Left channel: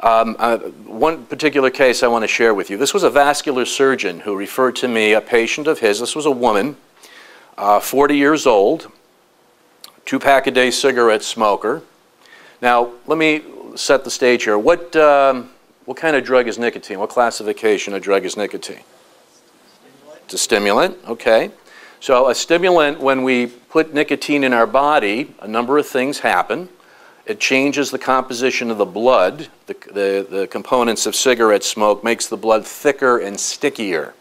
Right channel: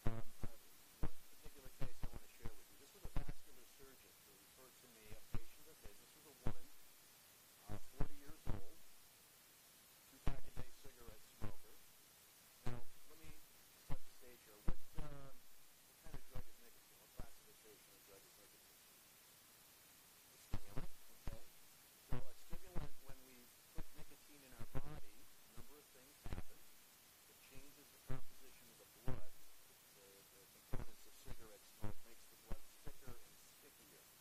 One particular case I want to share with you. This was a vascular surgeon who referred to me, a patient of his. This was a woman, 40 years old, 2-pack-a-day cigarette smoker. Now, let me set the stage here. What kind of drug is nicotine? What classification of drug is nicotine? It's a stimulant, okay. So a stimulant, when we put nicotine in our body, a number of things happen. It changes the composition of the blood. The components of cigarette smoke makes the blood thicker and stickier.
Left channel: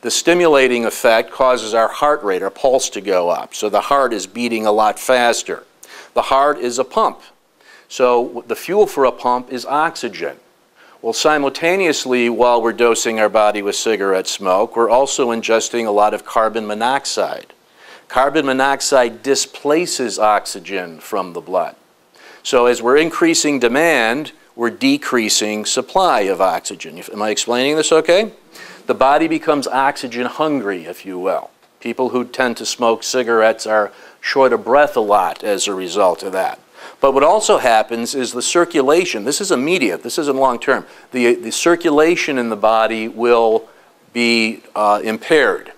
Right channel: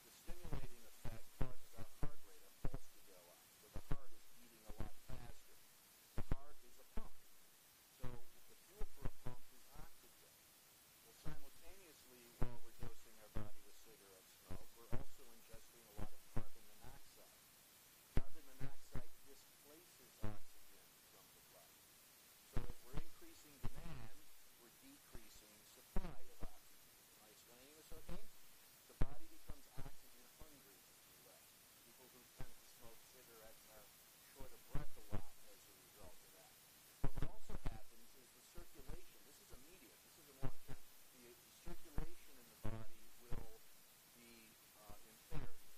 The stimulating effect causes our heart rate, our pulse, to go up. So the heart is beating a lot faster. The heart is a pump. So the fuel for a pump is oxygen. Well, simultaneously, while we're dosing our body with cigarette smoke, we're also ingesting a lot of carbon monoxide. Carbon monoxide displaces oxygen from the blood. So as we're increasing demand, we're decreasing supply of oxygen. Am I explaining this okay? The body becomes oxygen hungry, if you will. People who tend to smoke cigarettes are short of breath a lot as a result of that. But what also happens is the circulation, this is immediate, this isn't long term, the circulation in the body will be impaired.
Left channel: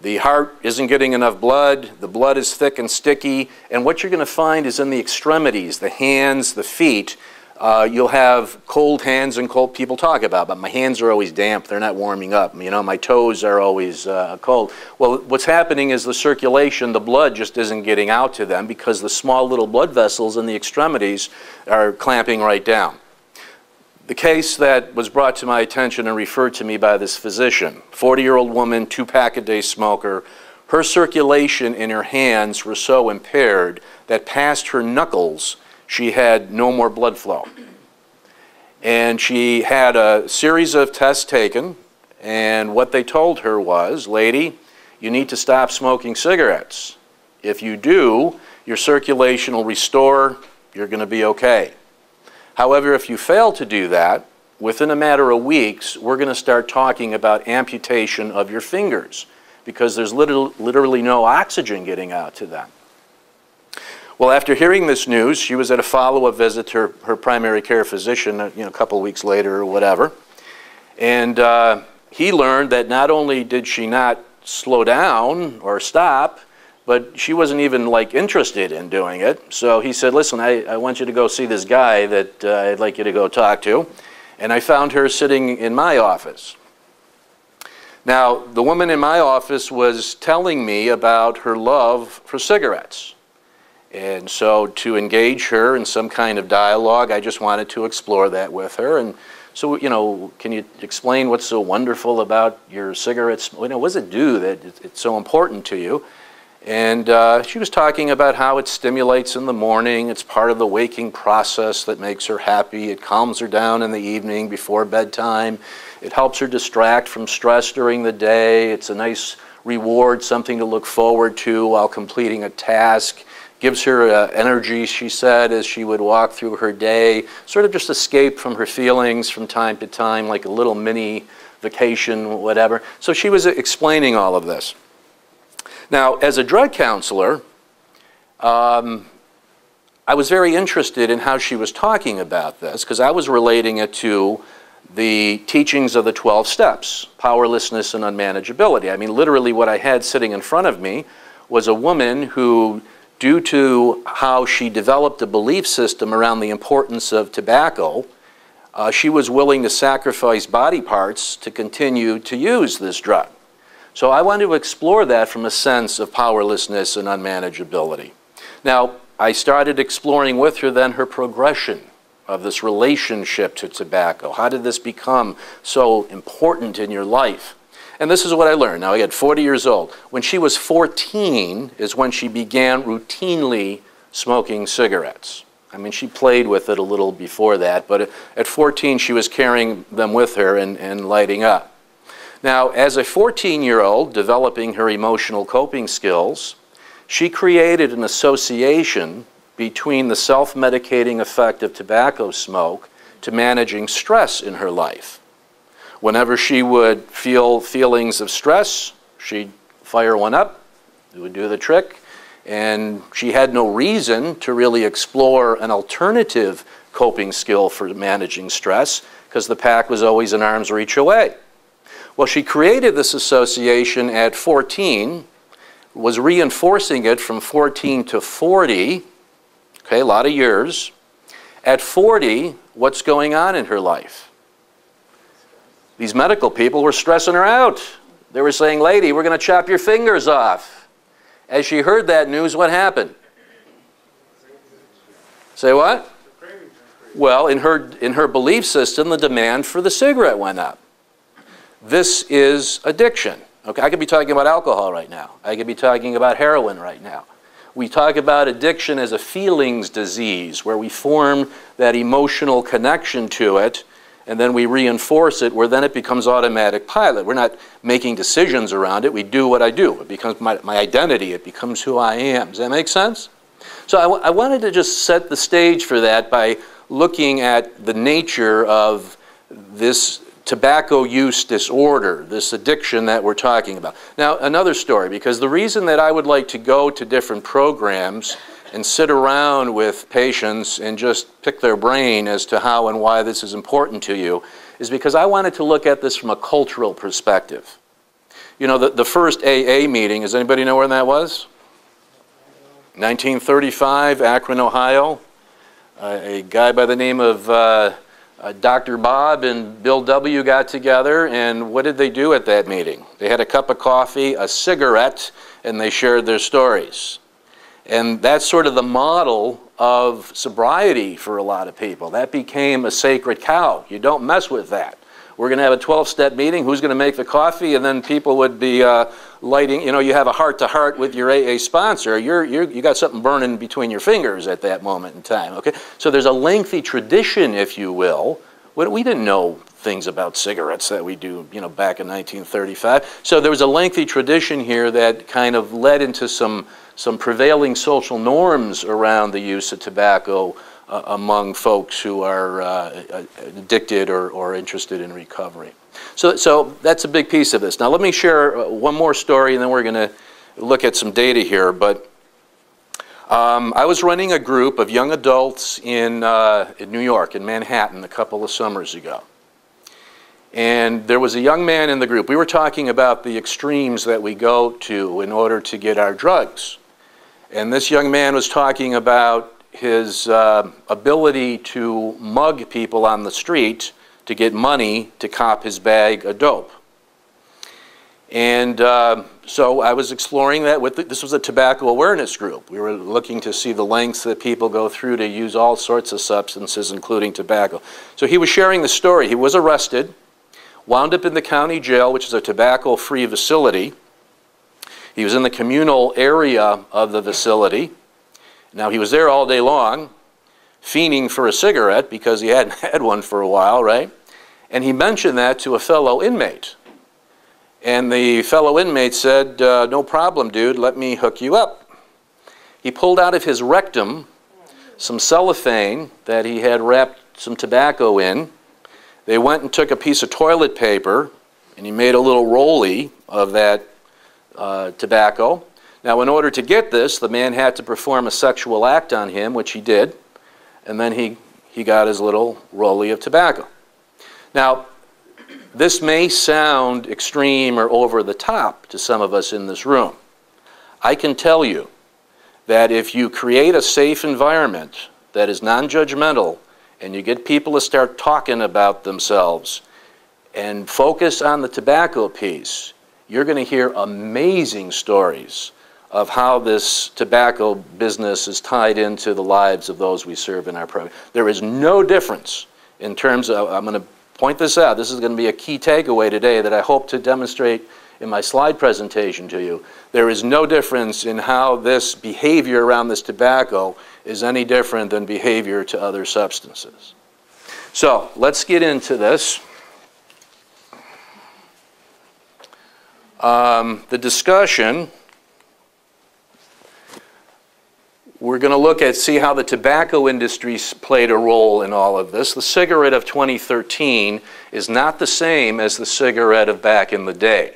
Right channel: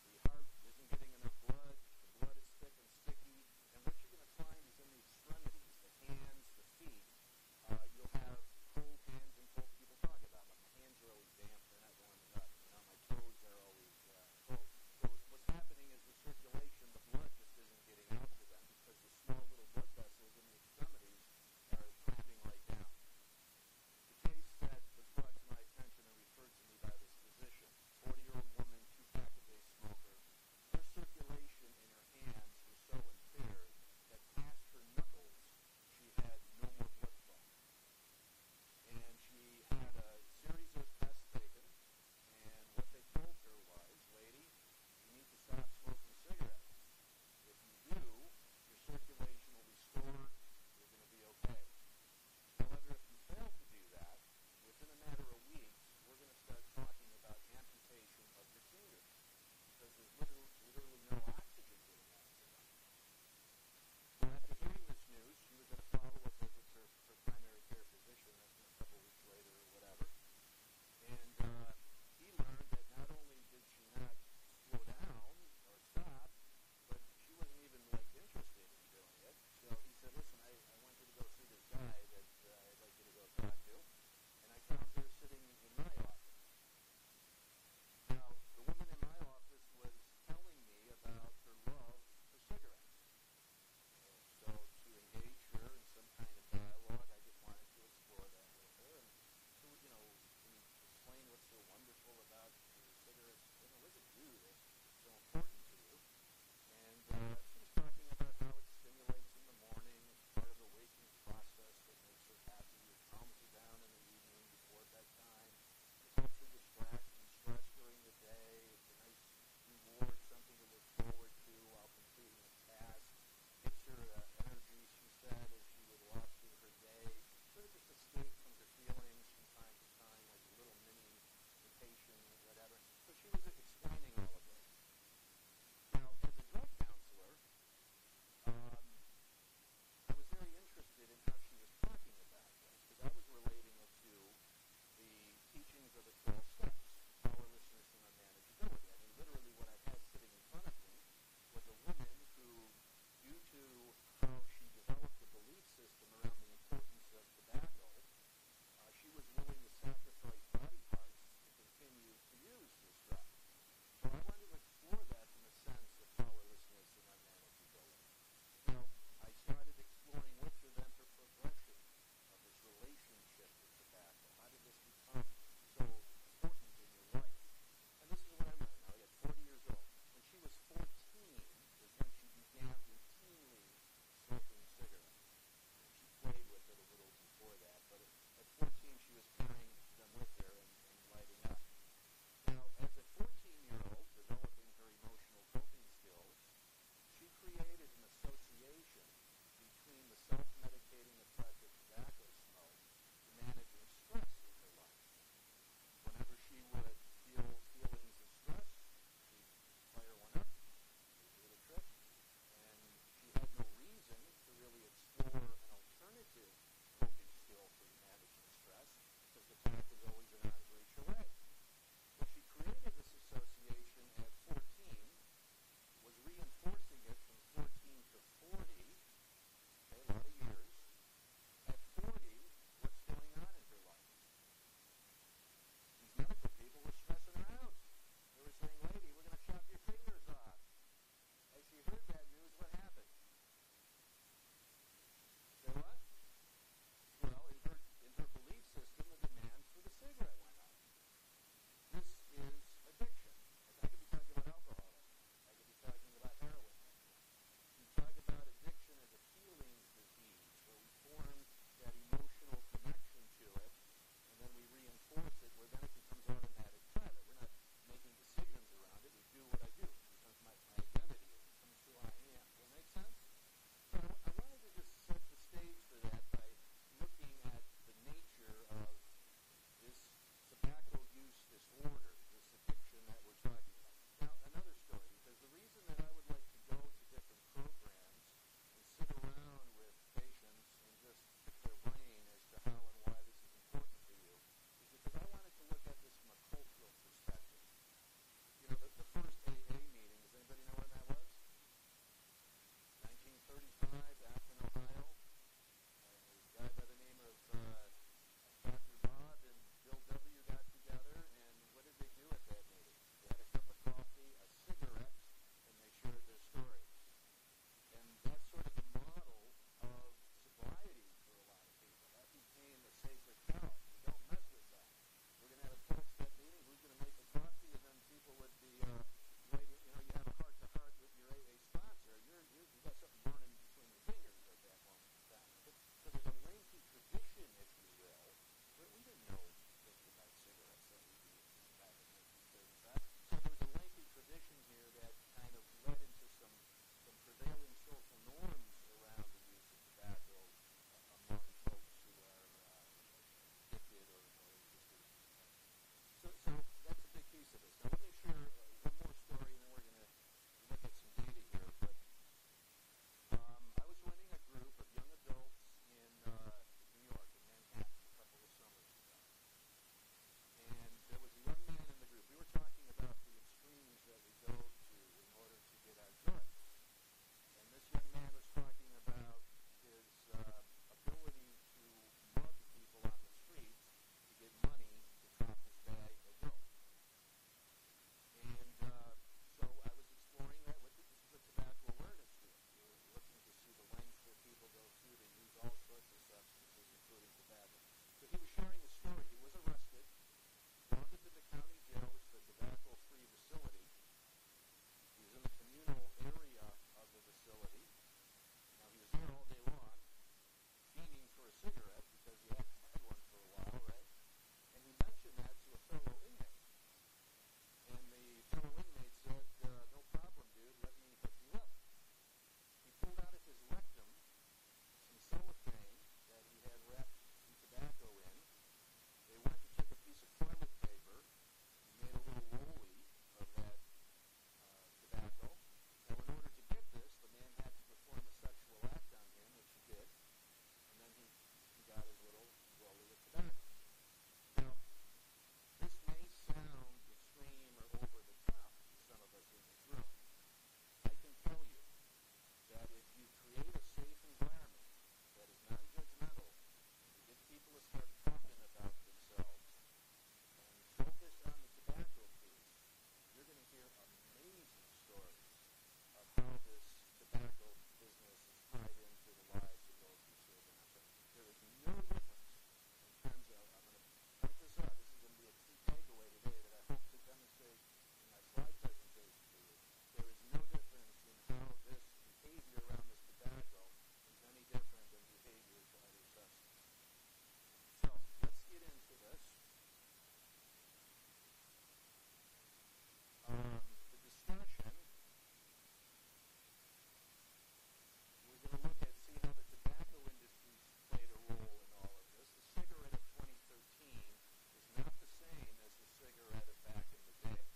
The heart isn't getting enough blood, the blood is thick and sticky, and what you're going to find is in the extremities, the hands, the feet, you'll have cold hands and cold. People talk about, but my hands are always damp, they're not warming up. You know, my toes are always cold. Well, what's happening is the circulation, the blood just isn't getting out to them because the small little blood vessels in the extremities are clamping right down. The case that was brought to my attention and referred to me by this physician, 40-year-old woman, 2-pack-a-day smoker, her circulation in her hands were so impaired that past her knuckles, she had no more blood flow. And she had a series of tests taken, and what they told her was, lady, you need to stop smoking cigarettes. If you do, your circulation will restore, you're going to be okay. However, if you fail to do that, within a matter of weeks, we're going to start talking about amputation of your fingers because there's literally no oxygen getting out to them. Well, after hearing this news, she was at a follow-up visit to her primary care physician, a couple of weeks later or whatever. And he learned that not only did she not slow down or stop, but she wasn't even interested in doing it. So he said, listen, I want you to go see this guy that I'd like you to go talk to. And I found her sitting in my office. Now, the woman in my office was telling me about her love for cigarettes. And so to engage her in some kind of dialogue, I just wanted to explore that with her. And so, can you explain what's so wonderful about your cigarettes? What does it do that it's so important to you? And she was talking about how it stimulates in the morning. It's part of the waking process that makes her happy. It calms her down in the evening before bedtime. It helps her distract from stress during the day. It's a nice reward, something to look forward to while completing a task. Gives her energy, she said, as she would walk through her day, sort of just escape from her feelings from time to time, like a little mini vacation, whatever. So she was explaining all of this. Now, as a drug counselor, I was very interested in how she was talking about this because I was relating it to the teachings of the 12 steps, powerlessness and unmanageability. I mean, literally what I had sitting in front of me was a woman who, due to how she developed a belief system around the importance of tobacco, she was willing to sacrifice body parts to continue to use this drug. So I wanted to explore that from a sense of powerlessness and unmanageability. Now, I started exploring with her then her progression of this relationship to tobacco. How did this become so important in your life? And this is what I learned. Now, I got 40 years old. When she was 14 is when she began routinely smoking cigarettes. I mean, she played with it a little before that, but at 14 she was carrying them with her and lighting up. Now, as a 14-year-old developing her emotional coping skills, she created an association between the self-medicating effect of tobacco smoke to managing stress in her life. Whenever she would feel feelings of stress, she'd fire one up, it would do the trick, and she had no reason to really explore an alternative coping skill for managing stress because the pack was always an arm's reach away. Well, she created this association at 14, was reinforcing it from 14 to 40, okay, a lot of years. At 40, what's going on in her life? These medical people were stressing her out. They were saying, lady, we're going to chop your fingers off. As she heard that news, what happened? Say what? Well, in her belief system, the demand for the cigarette went up. This is addiction. Okay, I could be talking about alcohol right now. I could be talking about heroin right now. We talk about addiction as a feelings disease, where we form that emotional connection to it, and then we reinforce it, where then it becomes automatic pilot. We're not making decisions around it. We do what I do. It becomes my identity. It becomes who I am. Does that make sense? So I wanted to just set the stage for that by looking at the nature of this tobacco use disorder, this addiction that we're talking about. Now, another story, because the reason that I would like to go to different programs and sit around with patients and just pick their brain as to how and why this is important to you is because I wanted to look at this from a cultural perspective. You know, the first AA meeting, does anybody know where that was? 1935, Akron, Ohio. A guy by the name of Dr. Bob and Bill W. got together, and what did they do at that meeting? They had a cup of coffee, a cigarette, and they shared their stories. And that's sort of the model of sobriety for a lot of people. That became a sacred cow. You don't mess with that. We're going to have a 12-step meeting. Who's going to make the coffee? And then people would be lighting. You know, you have a heart-to-heart with your AA sponsor. You got something burning between your fingers at that moment in time. Okay, so there's a lengthy tradition, if you will. We didn't know things about cigarettes that we do, you know, back in 1935. So there was a lengthy tradition here that kind of led into some prevailing social norms around the use of tobacco among folks who are addicted or interested in recovery. So that's a big piece of this. Now let me share one more story, and then we're going to look at some data here. But I was running a group of young adults in New York, in Manhattan, a couple of summers ago. And there was a young man in the group. We were talking about the extremes that we go to in order to get our drugs. And this young man was talking about his ability to mug people on the street to get money to cop his bag of dope. And so I was exploring that with this was a tobacco awareness group. We were looking to see the lengths that people go through to use all sorts of substances, including tobacco. So he was sharing the story. He was arrested, wound up in the county jail, which is a tobacco-free facility. He was in the communal area of the facility. Now, he was there all day long, fiending for a cigarette because he hadn't had one for a while, right? And he mentioned that to a fellow inmate. And the fellow inmate said, no problem, dude, let me hook you up. He pulled out of his rectum some cellophane that he had wrapped some tobacco in. They went and took a piece of toilet paper, and he made a little rollie of that tobacco. Now, in order to get this, the man had to perform a sexual act on him, which he did, and then he got his little rollie of tobacco. Now, this may sound extreme or over the top to some of us in this room. I can tell you that if you create a safe environment that is non-judgmental and you get people to start talking about themselves and focus on the tobacco piece, you're going to hear amazing stories of how this tobacco business is tied into the lives of those we serve in our program. There is no difference in terms of, I'm going to point this out, this is going to be a key takeaway today that I hope to demonstrate in my slide presentation to you. There is no difference in how this behavior around this tobacco is any different than behavior to other substances. So let's get into this. The discussion, we're going to look at, see how the tobacco industry played a role in all of this. The cigarette of 2013 is not the same as the cigarette of back in the day.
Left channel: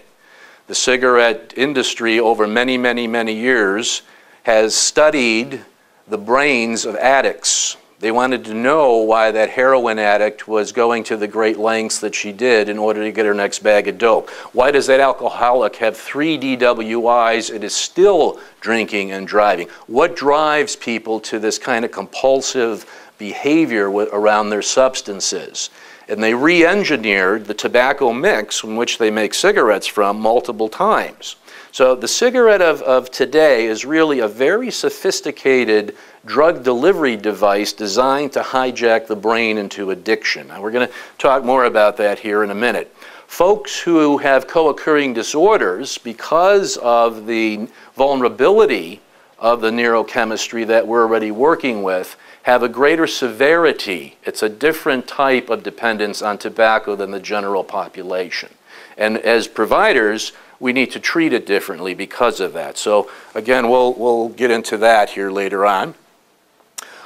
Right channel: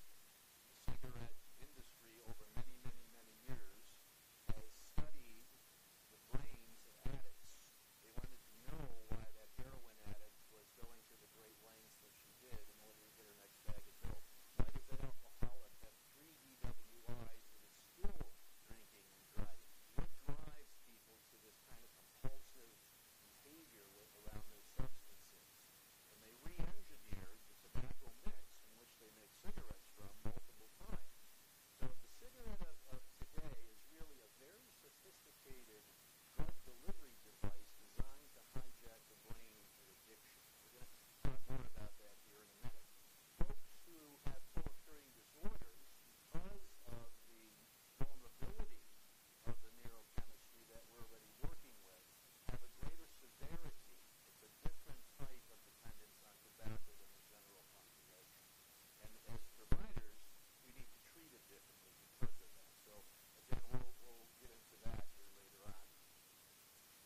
The cigarette industry over many, many, many years has studied the brains of addicts. They wanted to know why that heroin addict was going to the great lengths that she did in order to get her next bag of dope. Why does that alcoholic have 3 DWIs and is still drinking and driving? What drives people to this kind of compulsive behavior around their substances? And they re-engineered the tobacco mix from which they make cigarettes from multiple times. So the cigarette of today is really a very sophisticated drug delivery device designed to hijack the brain into addiction. Now, we're going to talk more about that here in a minute. Folks who have co-occurring disorders, because of the vulnerability of the neurochemistry that we're already working with, have a greater severity. It's a different type of dependence on tobacco than the general population. And as providers, we need to treat it differently because of that. So again, we'll get into that here later on.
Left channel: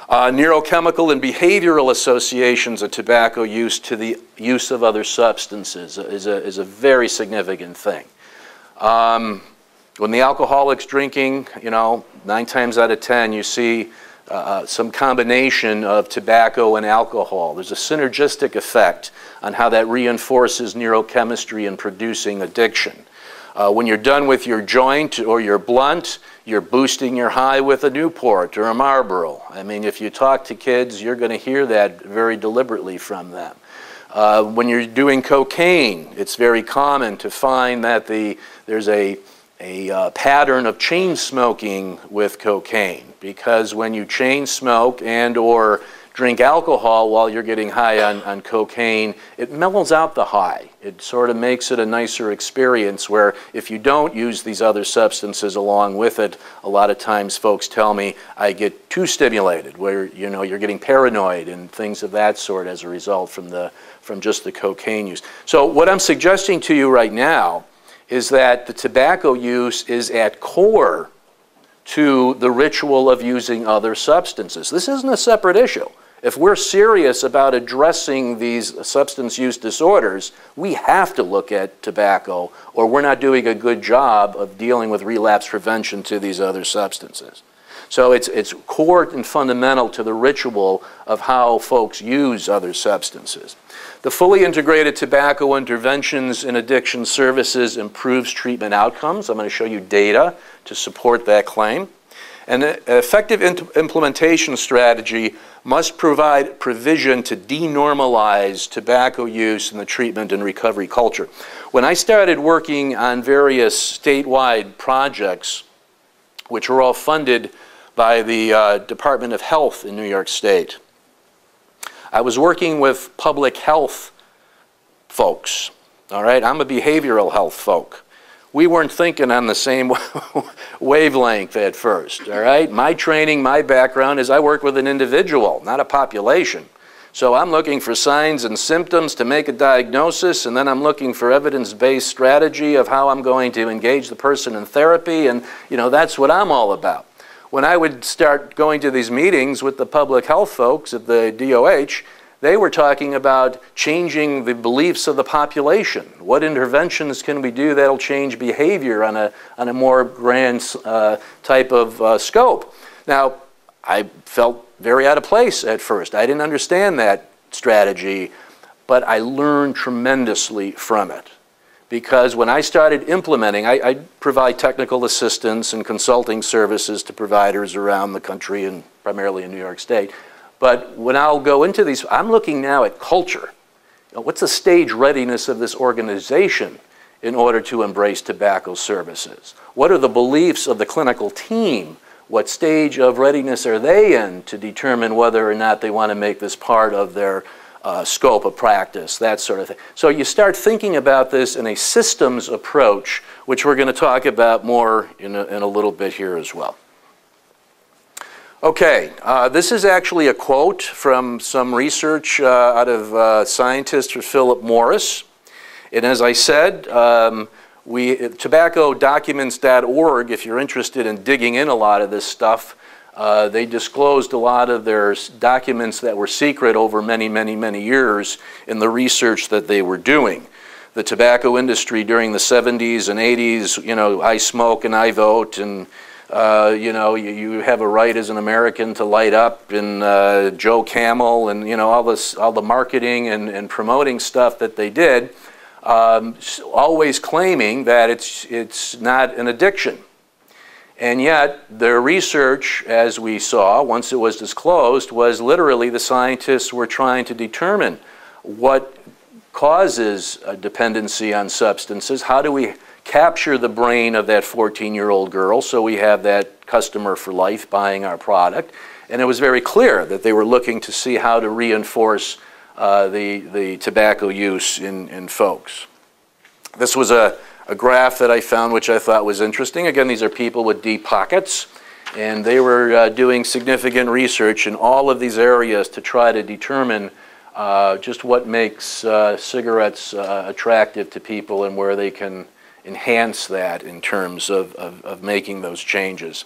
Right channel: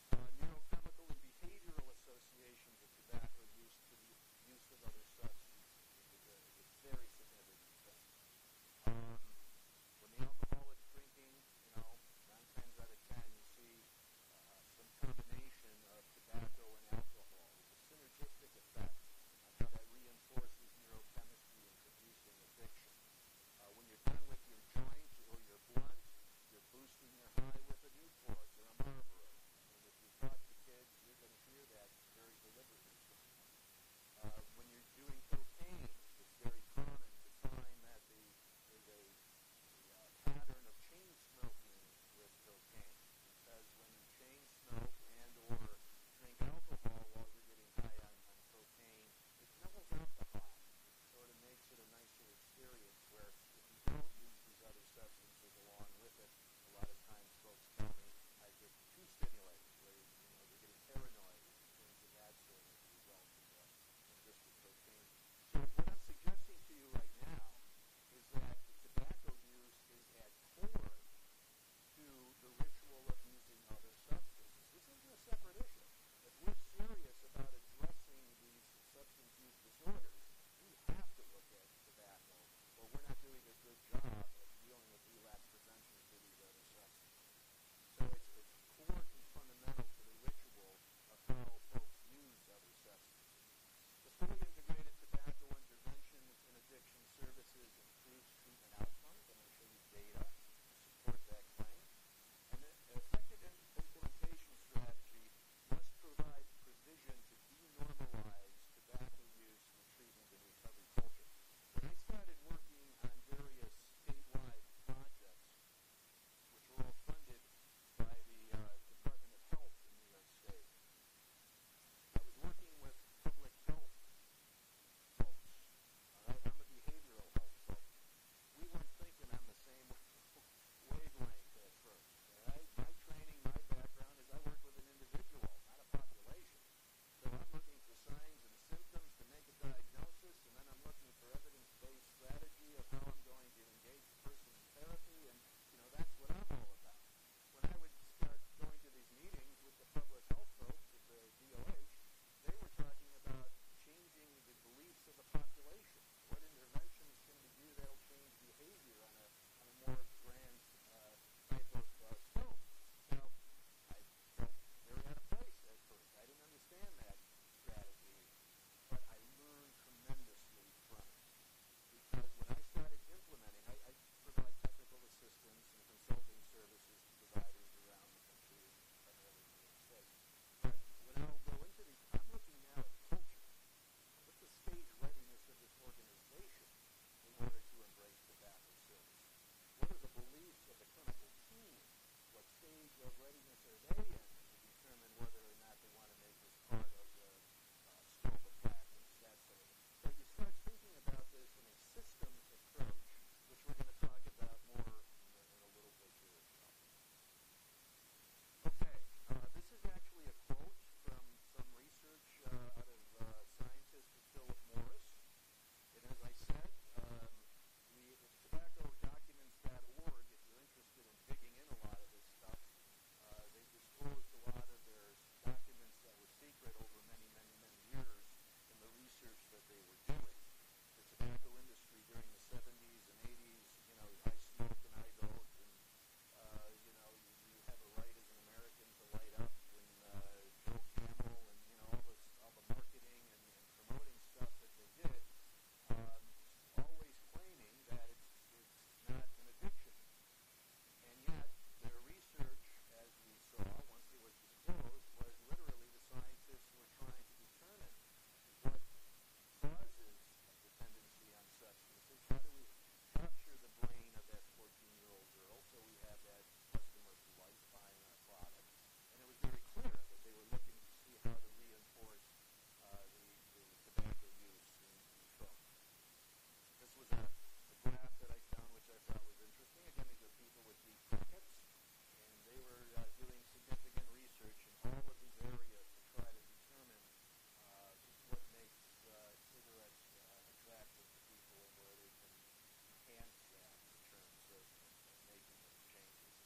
Neurochemical and behavioral associations of tobacco use to the use of other substances is a very significant thing. When the alcoholic's drinking, 9 times out of 10, you see some combination of tobacco and alcohol. There's a synergistic effect on how that reinforces neurochemistry in producing addiction. When you're done with your joint or your blunt, you're boosting your high with a Newport or a Marlboro. I mean, if you talk to kids, you're going to hear that very deliberately from them. When you're doing cocaine, it's very common to find that there's a pattern of chain smoking with cocaine, because when you chain smoke and or drink alcohol while you're getting high on cocaine, it mellows out the high. It sort of makes it a nicer experience, where if you don't use these other substances along with it, a lot of times folks tell me I get too stimulated, where you're getting paranoid and things of that sort as a result from just the cocaine use. So what I'm suggesting to you right now is that the tobacco use is at core to the ritual of using other substances. This isn't a separate issue. If we're serious about addressing these substance use disorders, we have to look at tobacco, or we're not doing a good job of dealing with relapse prevention to these other substances. So it's core and fundamental to the ritual of how folks use other substances. The fully integrated tobacco interventions in addiction services improves treatment outcomes. I'm going to show you data to support that claim. And an effective implementation strategy must provide provision to denormalize tobacco use in the treatment and recovery culture. When I started working on various statewide projects, which were all funded by the Department of Health in New York State, I was working with public health folks, all right? I'm a behavioral health folk. We weren't thinking on the same wavelength at first, all right? My training, my background is I work with an individual, not a population. So I'm looking for signs and symptoms to make a diagnosis, and then I'm looking for evidence-based strategy of how I'm going to engage the person in therapy, and that's what I'm all about. When I would start going to these meetings with the public health folks at the DOH, they were talking about changing the beliefs of the population. What interventions can we do that'll change behavior on a more grand type of scope? Now, I felt very out of place at first. I didn't understand that strategy, but I learned tremendously from it. Because when I started implementing, I provide technical assistance and consulting services to providers around the country and primarily in New York State. But when I'll go into these, I'm looking now at culture. What's the stage readiness of this organization in order to embrace tobacco services? What are the beliefs of the clinical team? What stage of readiness are they in to determine whether or not they want to make this part of their scope of practice, that sort of thing. So you start thinking about this in a systems approach, which we're going to talk about more in a little bit here as well. Okay, this is actually a quote from some research out of scientist Philip Morris. And as I said, tobaccodocuments.org, if you're interested in digging in a lot of this stuff, they disclosed a lot of their documents that were secret over many, many, many years in the research that they were doing. The tobacco industry during the 70s and 80s, I smoke and I vote, and you know, you have a right as an American to light up, and Joe Camel, and, you know, all the marketing and promoting stuff that they did, always claiming that it's not an addiction. And yet, their research, as we saw, once it was disclosed, was literally the scientists were trying to determine what causes a dependency on substances. How do we capture the brain of that 14-year-old girl so we have that customer for life buying our product? And it was very clear that they were looking to see how to reinforce the tobacco use in folks. This was a graph that I found which I thought was interesting. Again, these are people with deep pockets, and they were doing significant research in all of these areas to try to determine just what makes cigarettes attractive to people and where they can enhance that in terms of making those changes.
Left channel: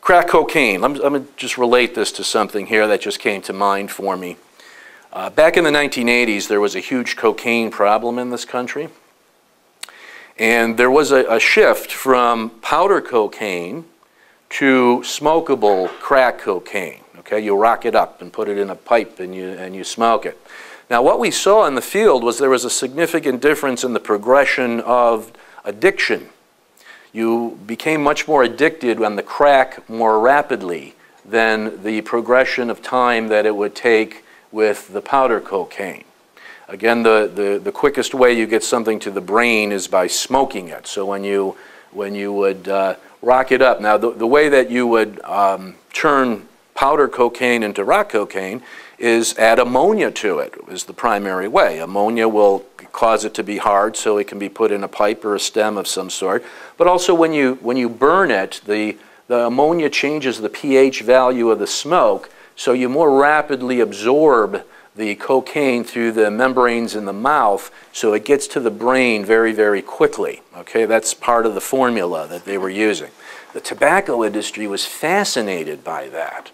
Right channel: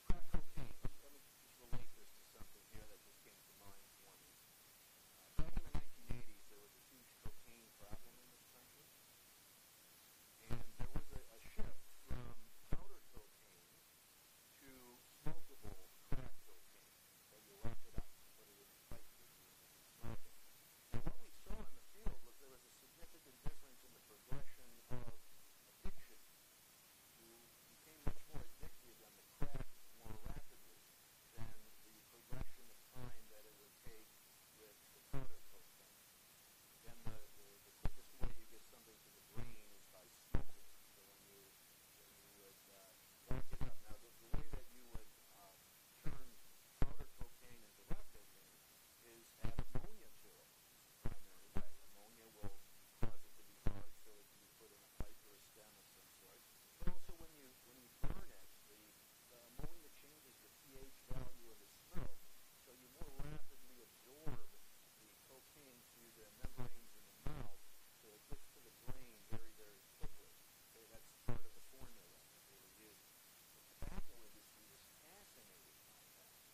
Crack cocaine. I'm going to just relate this to something here that just came to mind for me. Back in the 1980s, there was a huge cocaine problem in this country. And there was a shift from powder cocaine to smokable crack cocaine. Okay, you rock it up and put it in a pipe and you smoke it. Now, what we saw in the field was there was a significant difference in the progression of addiction. You became much more addicted on the crack more rapidly than the progression of time that it would take with the powder cocaine. Again, the quickest way you get something to the brain is by smoking it. So when you would rock it up, now the way that you would turn powder cocaine into rock cocaine is add ammonia to it, is the primary way. Ammonia will cause it to be hard so it can be put in a pipe or a stem of some sort. But also when you burn it, the ammonia changes the pH value of the smoke, so you more rapidly absorb the cocaine through the membranes in the mouth, so it gets to the brain very, very quickly. Okay, that's part of the formula that they were using. The tobacco industry was fascinated by that,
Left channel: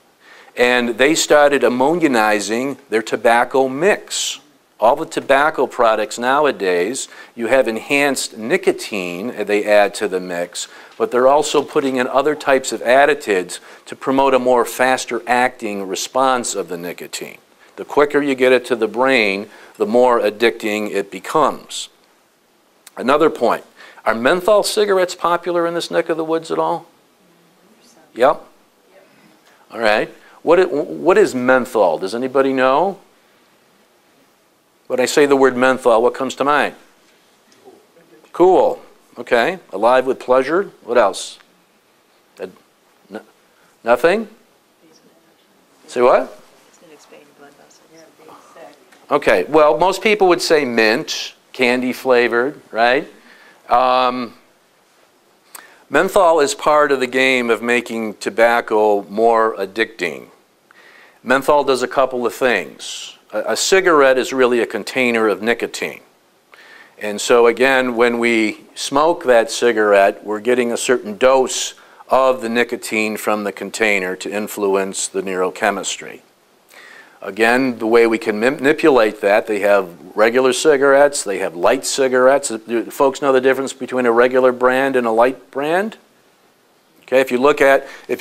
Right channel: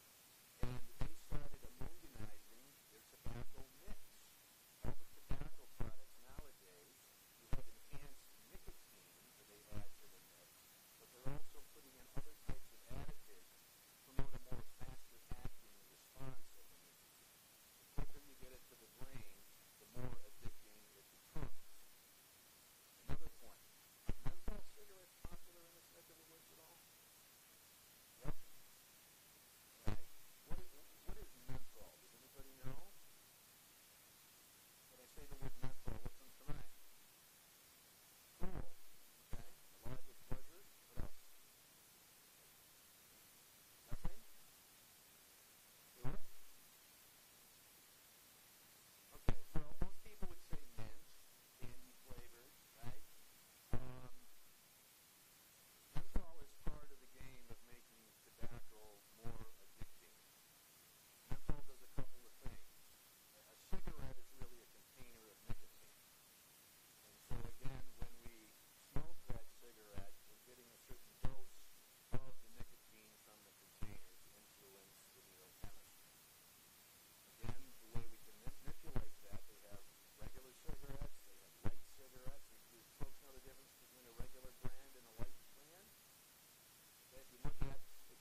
and they started ammonionizing their tobacco mix. All the tobacco products nowadays, you have enhanced nicotine they add to the mix, but they're also putting in other types of additives to promote a more faster acting response of the nicotine. The quicker you get it to the brain, the more addicting it becomes. Another point, are menthol cigarettes popular in this neck of the woods at all? Yep. All right. What is menthol? Does anybody know? When I say the word menthol, what comes to mind? Cool. Okay. Alive with pleasure. What else? Nothing? Say what? Okay. Well, most people would say mint, candy flavored, right? Menthol is part of the game of making tobacco more addicting. Menthol does a couple of things. A cigarette is really a container of nicotine. And so again, when we smoke that cigarette, we're getting a certain dose of the nicotine from the container to influence the neurochemistry. Again, the way we can manipulate that, they have regular cigarettes, they have light cigarettes. Do folks know the difference between a regular brand and a light brand? Okay, if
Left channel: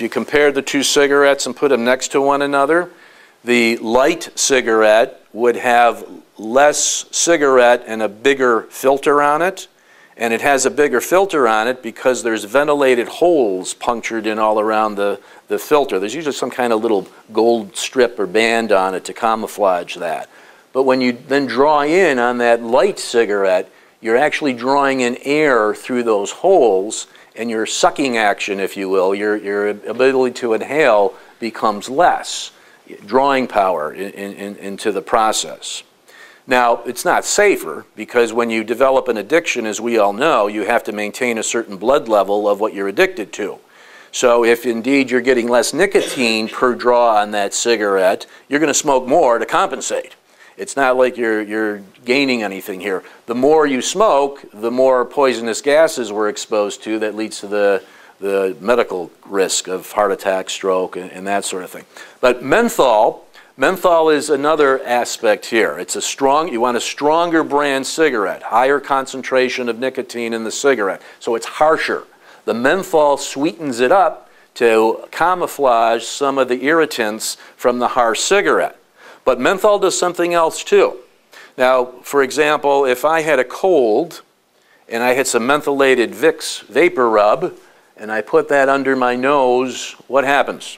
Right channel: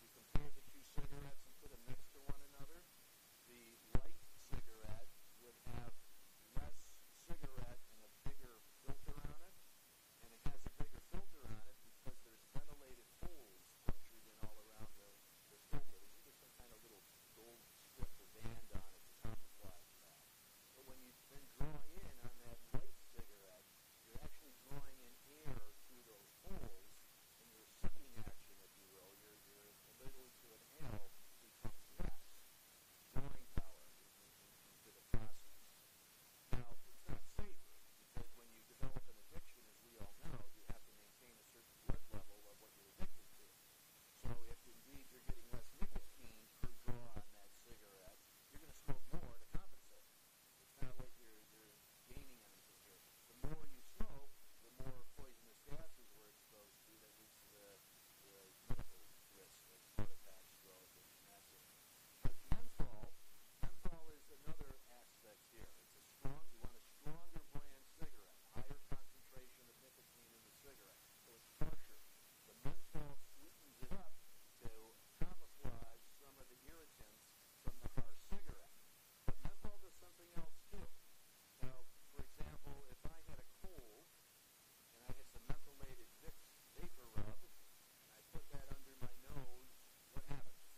you compare the two cigarettes and put them next to one another, the light cigarette would have less cigarette and a bigger filter on it. And it has a bigger filter on it because there's ventilated holes punctured in all around the filter. There's usually some kind of little gold strip or band on it to camouflage that. But when you then draw in on that light cigarette, you're actually drawing in air through those holes, and your sucking action, if you will, your ability to inhale becomes less, drawing power into the process. Now, it's not safer because when you develop an addiction, as we all know, you have to maintain a certain blood level of what you're addicted to. So if indeed you're getting less nicotine per draw on that cigarette, you're going to smoke more to compensate. It's not like you're gaining anything here. The more you smoke, the more poisonous gases we're exposed to that leads to the medical risk of heart attack, stroke, and that sort of thing. But menthol is another aspect here. It's you want a stronger brand cigarette, higher concentration of nicotine in the cigarette, so it's harsher. The menthol sweetens it up to camouflage some of the irritants from the harsh cigarette. But menthol does something else too. Now, for example, if I had a cold and I had some mentholated Vicks vapor rub and I put that under my nose, what happens?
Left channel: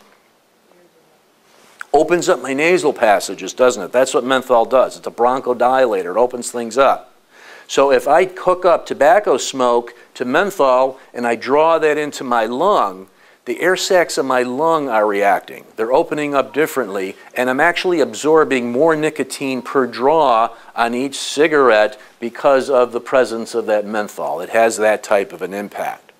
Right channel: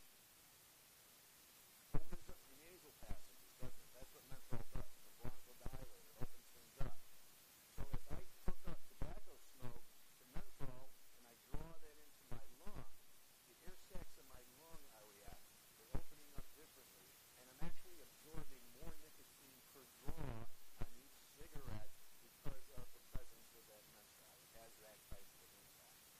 Opens up my nasal passages, doesn't it? That's what menthol does. It's a bronchodilator. It opens things up. So if I hook up tobacco smoke to menthol and I draw that into my lung, the air sacs of my lung are reacting. They're opening up differently, and I'm actually absorbing more nicotine per draw on each cigarette because of the presence of that menthol. It has that type of an impact.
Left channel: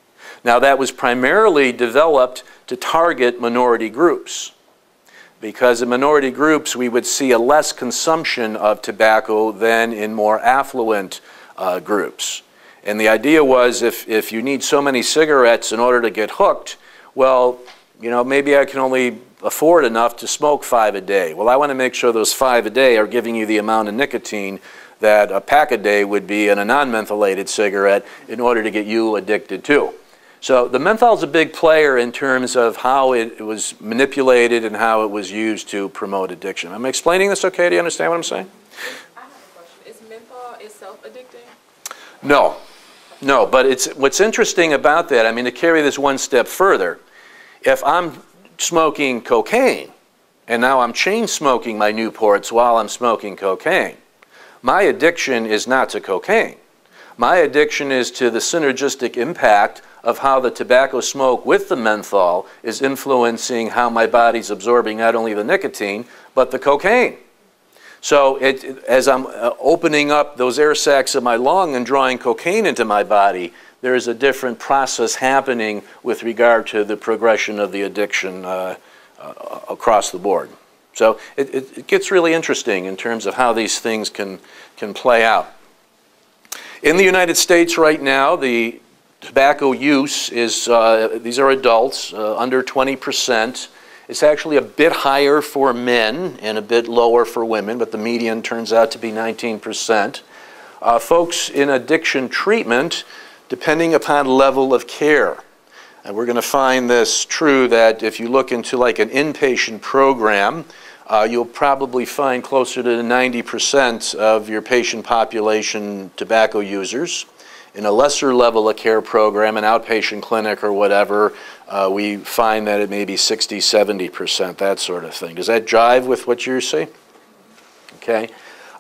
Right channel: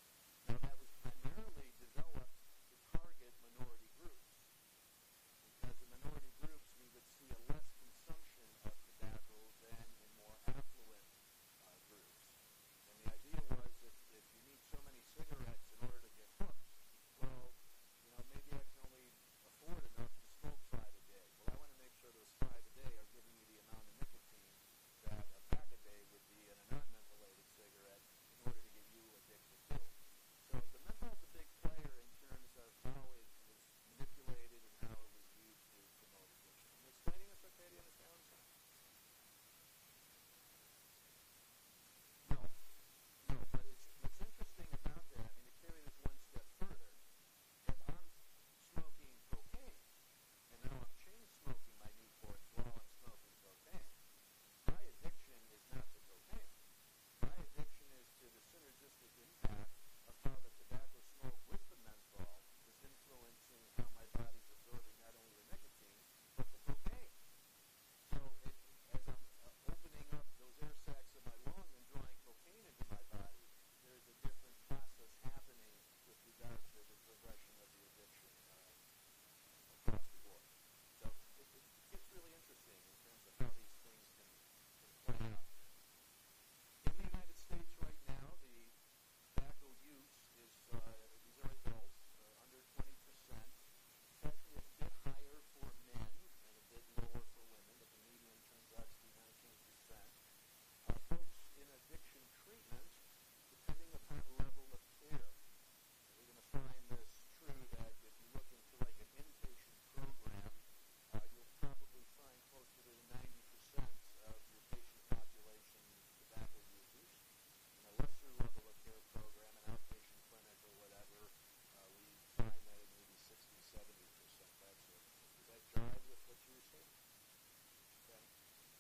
Now, that was primarily developed to target minority groups, because in minority groups we would see a less consumption of tobacco than in more affluent groups. And the idea was if you need so many cigarettes in order to get hooked, well, you know, maybe I can only afford enough to smoke 5 a day. Well, I want to make sure those 5 a day are giving you the amount of nicotine that a pack a day would be in a non-mentholated cigarette in order to get you addicted too. So the menthol is a big player in terms of how it was manipulated and how it was used to promote addiction. Am I explaining this okay? Do you understand what I'm saying? I have a question. Is menthol itself addicting? No. No, but what's interesting about that, I mean, to carry this one step further, if I'm smoking cocaine and now I'm chain smoking my Newports while I'm smoking cocaine, my addiction is not to cocaine. My addiction is to the synergistic impact of how the tobacco smoke with the menthol is influencing how my body's absorbing not only the nicotine, but the cocaine. So as I'm opening up those air sacs of my lung and drawing cocaine into my body, there is a different process happening with regard to the progression of the addiction across the board. So it gets really interesting in terms of how these things can play out. In the United States right now, the tobacco use is, these are adults, under 20%. It's actually a bit higher for men and a bit lower for women, but the median turns out to be 19%. Folks in addiction treatment, depending upon level of care. And we're going to find this true that if you look into like an inpatient program, you'll probably find closer to 90% of your patient population tobacco users. In a lesser level of care program, an outpatient clinic or whatever, we find that it may be 60, 70%, that sort of thing. Does that jive with what you see? Okay.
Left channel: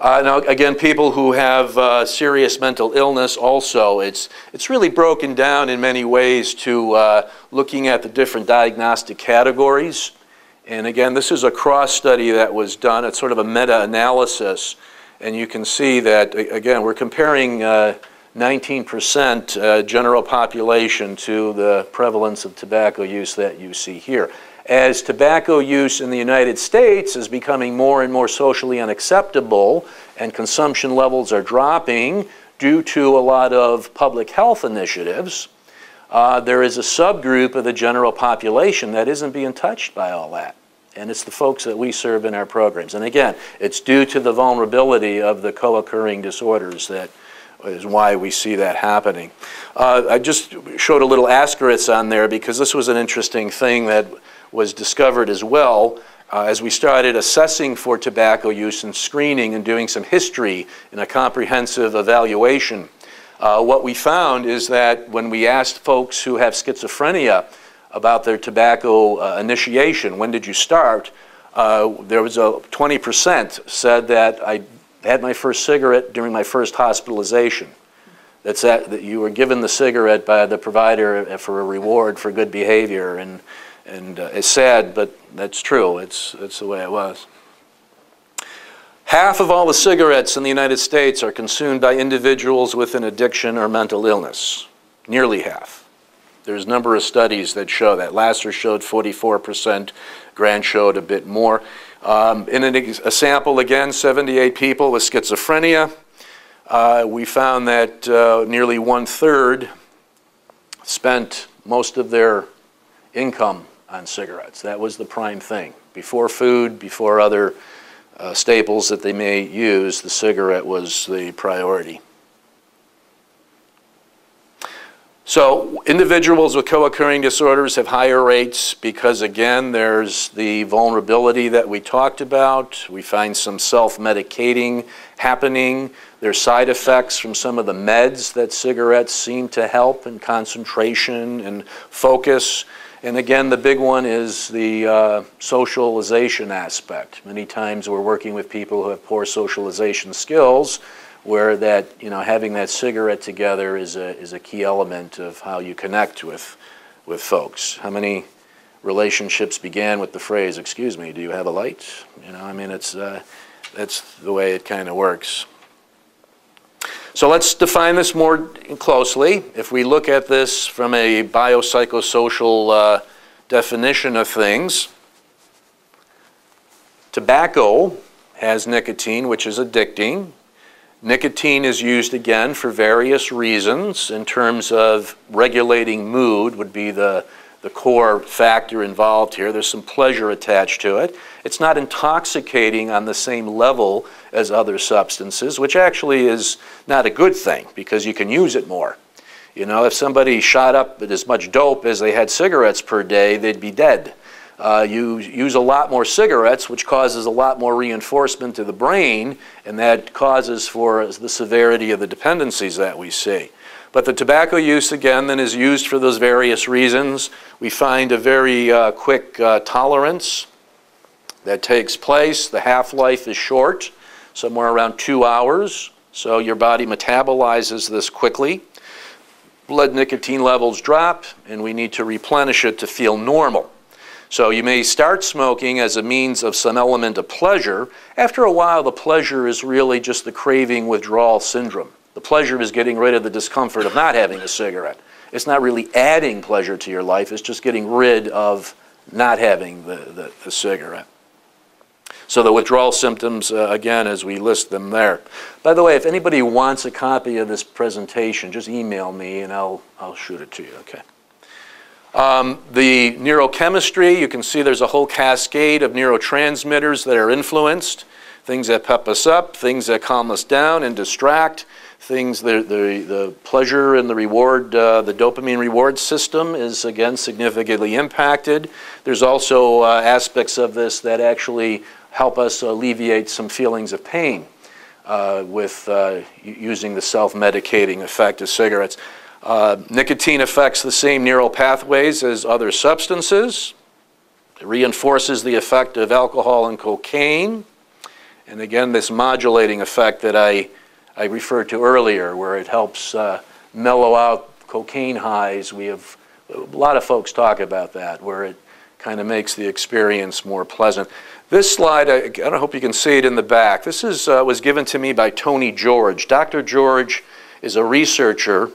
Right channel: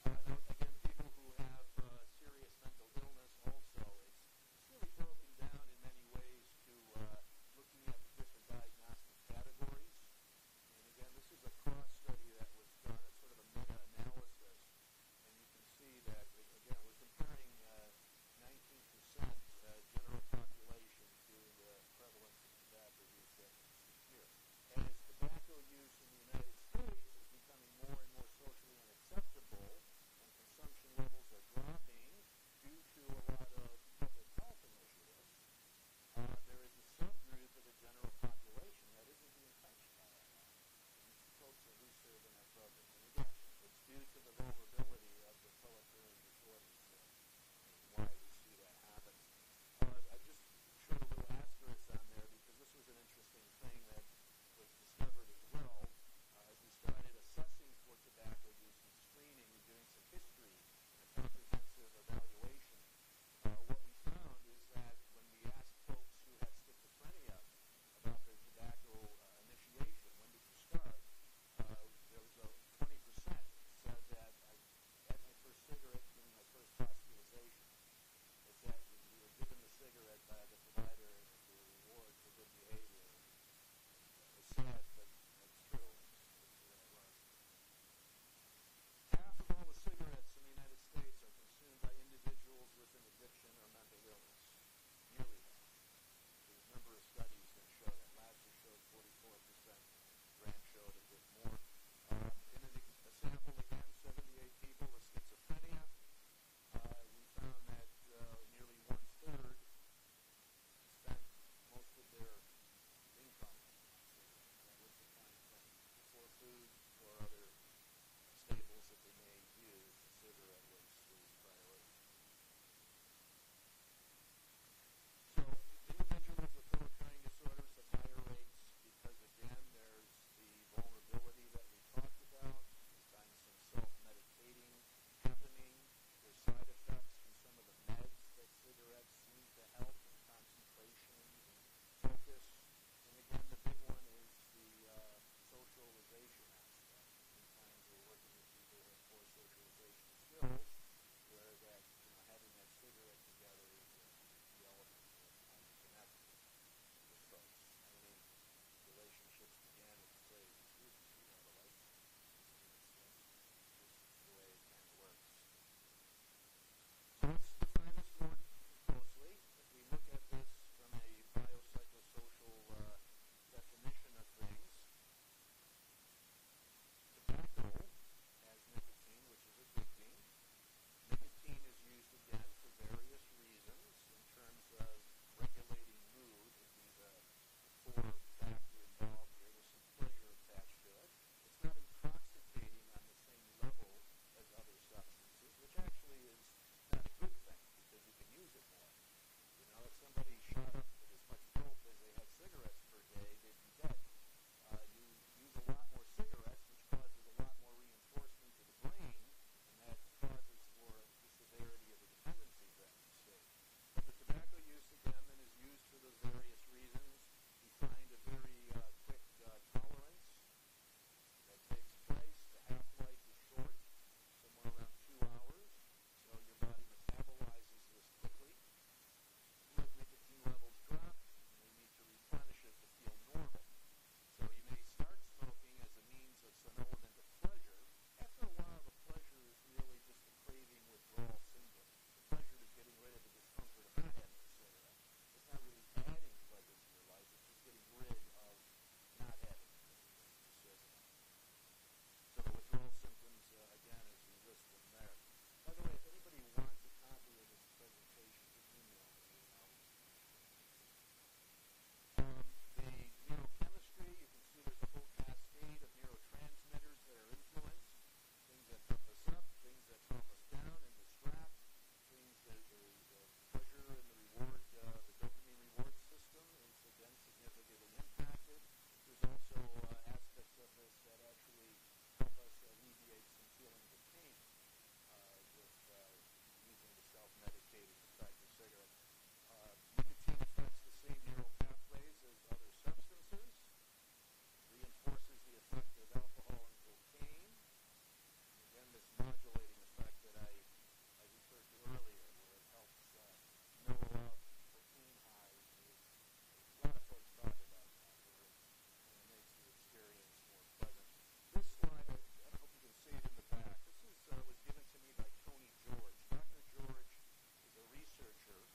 Now, again, people who have serious mental illness also, it's really broken down in many ways to looking at the different diagnostic categories. And again, this is a cross study that was done. It's sort of a meta-analysis. And you can see that, again, we're comparing 19% general population to the prevalence of tobacco use that you see here. As tobacco use in the United States is becoming more and more socially unacceptable and consumption levels are dropping due to a lot of public health initiatives, there is a subgroup of the general population that isn't being touched by all that. And it's the folks that we serve in our programs. And again, it's due to the vulnerability of the co-occurring disorders that is why we see that happening. I just showed a little asterisk on there because this was an interesting thing that was discovered as well as we started assessing for tobacco use and screening and doing some history in a comprehensive evaluation. What we found is that when we asked folks who have schizophrenia about their tobacco initiation, when did you start, there was a 20% said that I had my first cigarette during my first hospitalization. That you were given the cigarette by the provider for a reward for good behavior, and it's sad, but that's true. It's the way it was. Half of all the cigarettes in the United States are consumed by individuals with an addiction or mental illness. Nearly half. There's a number of studies that show that. Lasser showed 44%, Grant showed a bit more. In a sample, again, 78 people with schizophrenia, we found that nearly 1/3 spent most of their income on cigarettes. That was the prime thing. Before food, before other staples that they may use, the cigarette was the priority. So individuals with co-occurring disorders have higher rates because, again, there's the vulnerability that we talked about. We find some self-medicating happening. There's side effects from some of the meds that cigarettes seem to help in concentration and focus. And again, the big one is the socialization aspect. Many times we're working with people who have poor socialization skills, where that, having that cigarette together is a key element of how you connect with folks. How many relationships began with the phrase, "Excuse me, do you have a light?" That's the way it kind of works. So let's define this more closely. If we look at this from a biopsychosocial definition of things, tobacco has nicotine, which is addicting. Nicotine is used, again, for various reasons. In terms of regulating mood would be the core factor involved here. There's some pleasure attached to it. It's not intoxicating on the same level as other substances, which actually is not a good thing because you can use it more. If somebody shot up with as much dope as they had cigarettes per day, they'd be dead. You use a lot more cigarettes, which causes a lot more reinforcement to the brain, and that causes for the severity of the dependencies that we see. But the tobacco use, again, then is used for those various reasons. We find a very quick tolerance that takes place. The half-life is short, somewhere around 2 hours, so your body metabolizes this quickly. Blood nicotine levels drop, and we need to replenish it to feel normal. So you may start smoking as a means of some element of pleasure. After a while, the pleasure is really just the craving withdrawal syndrome. The pleasure is getting rid of the discomfort of not having a cigarette. It's not really adding pleasure to your life. It's just getting rid of not having the cigarette. So the withdrawal symptoms, again, as we list them there. By the way, if anybody wants a copy of this presentation, just email me and I'll shoot it to you, okay? The neurochemistry, you can see there's a whole cascade of neurotransmitters that are influenced, things that pep us up, things that calm us down and distract, things, the pleasure and the reward, the dopamine reward system is, again, significantly impacted. There's also aspects of this that actually help us alleviate some feelings of pain with using the self-medicating effect of cigarettes. Nicotine affects the same neural pathways as other substances. It reinforces the effect of alcohol and cocaine. And again, this modulating effect that I referred to earlier, where it helps mellow out cocaine highs. We have a lot of folks talk about that, where it kind of makes the experience more pleasant. This slide, I hope you can see it in the back. This was given to me by Tony George. Dr. George is a researcher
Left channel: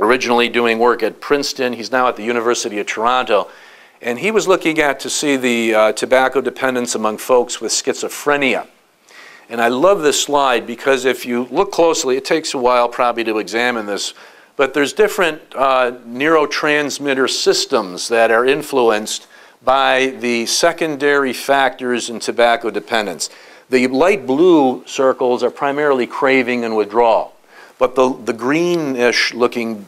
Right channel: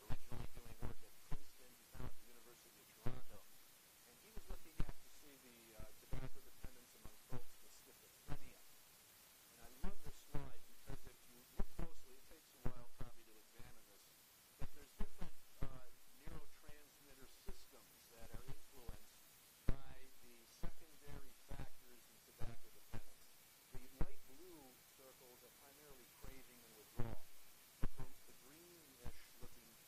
originally doing work at Princeton. He's now at the University of Toronto. And he was looking to see the tobacco dependence among folks with schizophrenia. And I love this slide because if you look closely, it takes a while probably to examine this, but there's different neurotransmitter systems that are influenced by the secondary factors in tobacco dependence. The light blue circles are primarily craving and withdrawal. But the greenish looking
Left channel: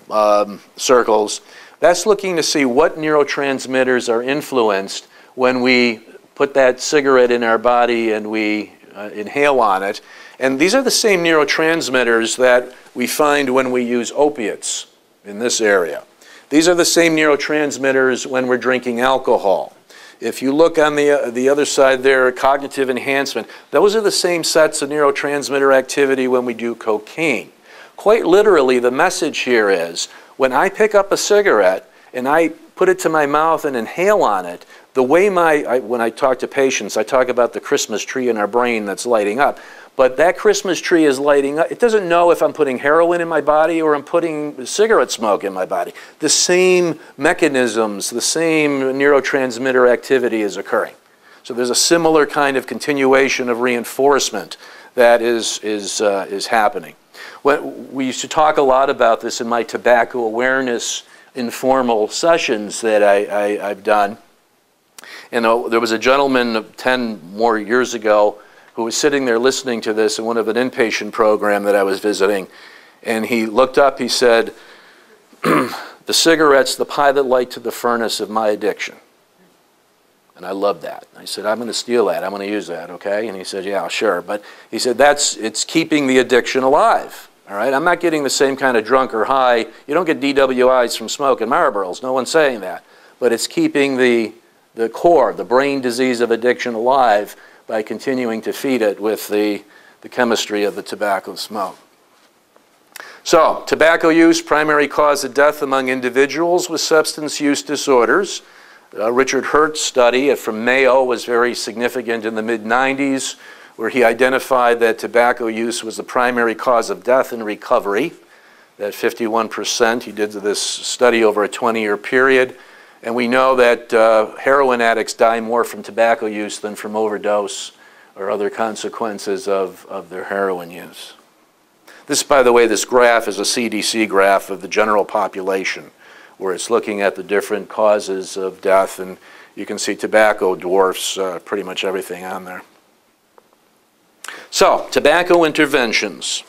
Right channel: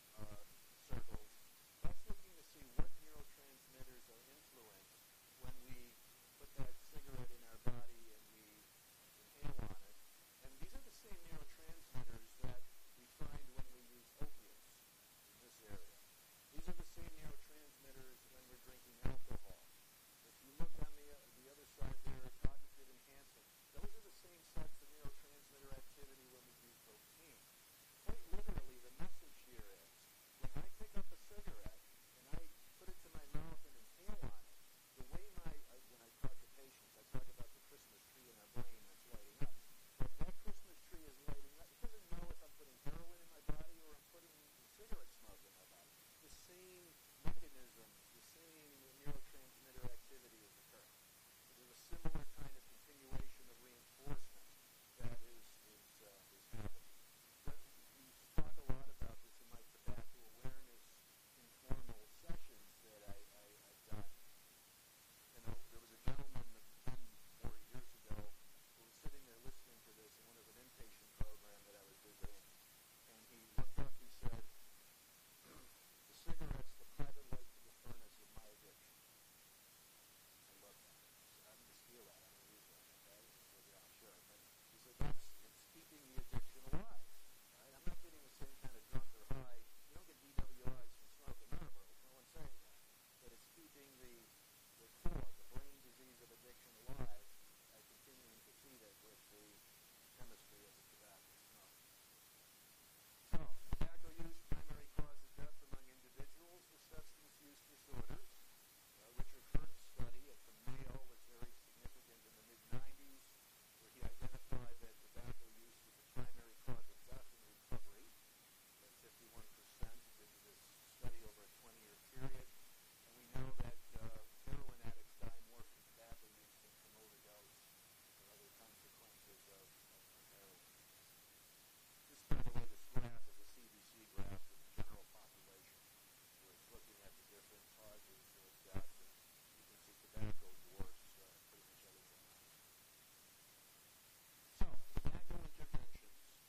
circles, that's looking to see what neurotransmitters are influenced when we put that cigarette in our body and we inhale on it. And these are the same neurotransmitters that we find when we use opiates in this area. These are the same neurotransmitters when we're drinking alcohol. If you look on the other side there, cognitive enhancement, those are the same sets of neurotransmitter activity when we do cocaine. Quite literally, the message here is, when I pick up a cigarette and I put it to my mouth and inhale on it, the way when I talk to patients, I talk about the Christmas tree in our brain that's lighting up. But that Christmas tree is lighting up. It doesn't know if I'm putting heroin in my body or I'm putting cigarette smoke in my body. The same mechanisms, the same neurotransmitter activity is occurring. So there's a similar kind of continuation of reinforcement that is happening. We used to talk a lot about this in my tobacco awareness informal sessions that I've done. And there was a gentleman 10 more years ago who was sitting there listening to this in one of an inpatient program that I was visiting. And he looked up, he said, the cigarette's the pilot light to the furnace of my addiction. And I loved that. I said, I'm going to steal that. I'm going to use that, okay? And he said, yeah, sure. But he said, it's keeping the addiction alive, all right? I'm not getting the same kind of drunk or high. You don't get DWIs from smoking Marlboros. No one's saying that. But it's keeping the core, the brain disease of addiction alive by continuing to feed it with the chemistry of the tobacco smoke. So, tobacco use, primary cause of death among individuals with substance use disorders. Richard Hurt's study from Mayo was very significant in the mid-90s, where he identified that tobacco use was the primary cause of death in recovery, that 51%. He did this study over a 20-year period. And we know that heroin addicts die more from tobacco use than from overdose or other consequences of their heroin use. This, by the way, this graph is a CDC graph of the general population, where it's looking at the different causes of death, and you can see tobacco dwarfs pretty much everything on there. So, tobacco interventions.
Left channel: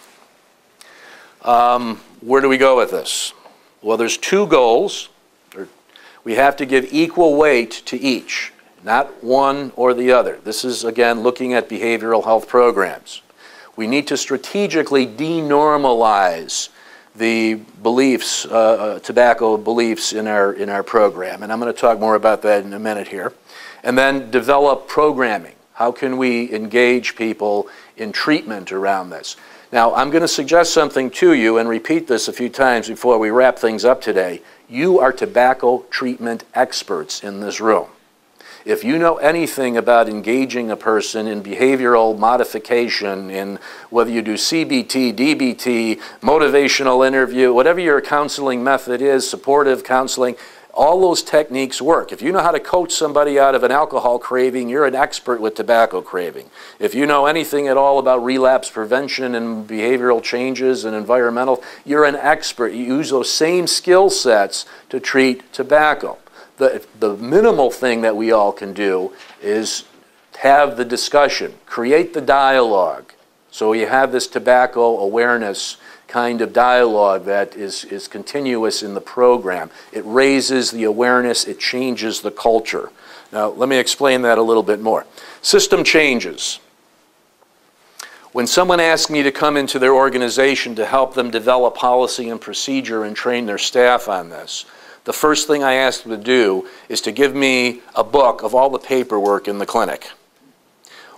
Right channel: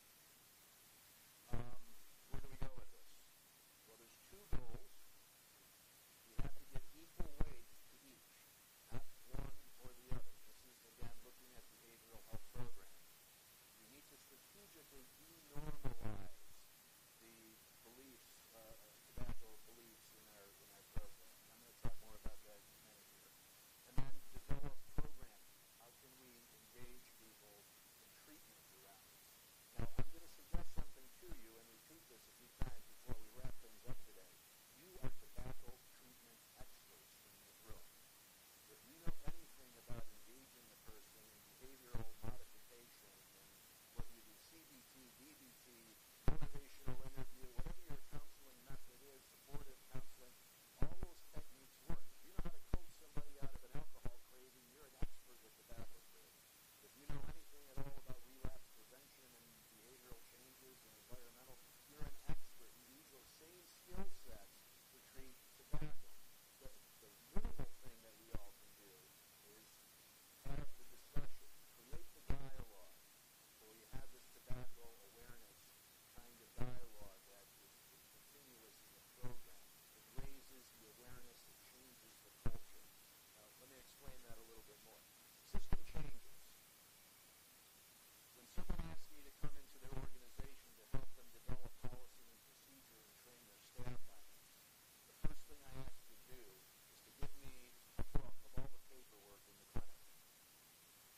Where do we go with this? Well, there's two goals. We have to give equal weight to each, not one or the other. This is, again, looking at behavioral health programs. We need to strategically denormalize the beliefs, tobacco beliefs in our program. And I'm going to talk more about that in a minute here. And then develop programming. How can we engage people in treatment around this? Now, I'm going to suggest something to you and repeat this a few times before we wrap things up today. You are tobacco treatment experts in this room. If you know anything about engaging a person in behavioral modification, in whether you do CBT, DBT, motivational interview, whatever your counseling method is, supportive counseling, all those techniques work. If you know how to coach somebody out of an alcohol craving, you're an expert with tobacco craving. If you know anything at all about relapse prevention and behavioral changes and environmental, you're an expert. You use those same skill sets to treat tobacco. The minimal thing that we all can do is have the discussion, create the dialogue. So you have this tobacco awareness kind of dialogue that is continuous in the program. It raises the awareness, it changes the culture. Now, let me explain that a little bit more. System changes. When someone asks me to come into their organization to help them develop policy and procedure and train their staff on this, the first thing I ask them to do is to give me a book of all the paperwork in the clinic.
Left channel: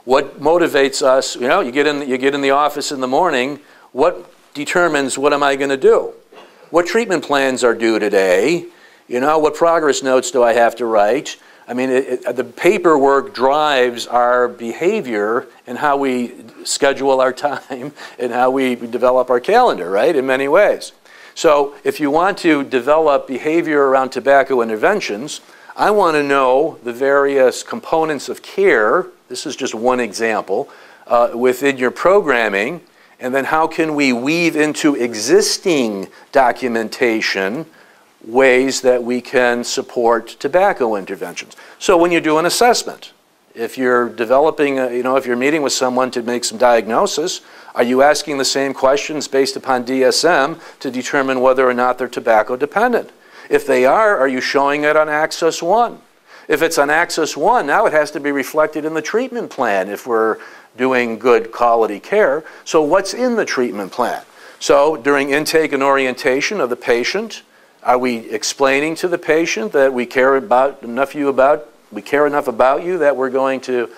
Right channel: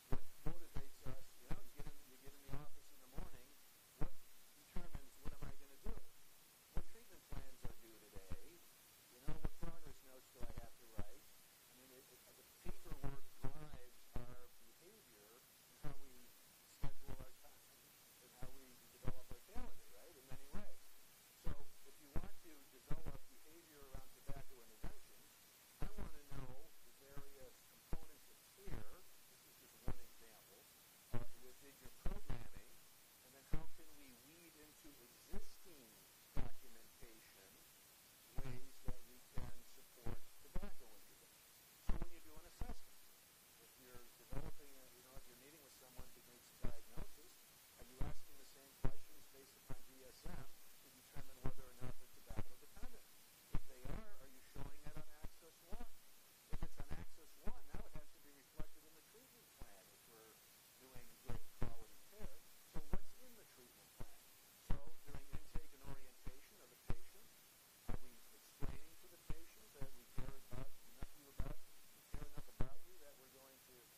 What motivates us, you know, you get in the office in the morning, what determines what am I going to do? What treatment plans are due today? You know, what progress notes do I have to write? I mean, the paperwork drives our behavior and how we schedule our time and how we develop our calendar, right, in many ways. So if you want to develop behavior around tobacco interventions, I want to know the various components of care. This is just one example within your programming. And then how can we weave into existing documentation ways that we can support tobacco interventions? So when you do an assessment, if you're developing, if you're meeting with someone to make some diagnosis, are you asking the same questions based upon DSM to determine whether or not they're tobacco dependent? If they are you showing it on Access 1? If it's on Access 1, now it has to be reflected in the treatment plan if we're doing good quality care. So what's in the treatment plan? So during intake and orientation of the patient, are we explaining to the patient that we care enough about you that we're going to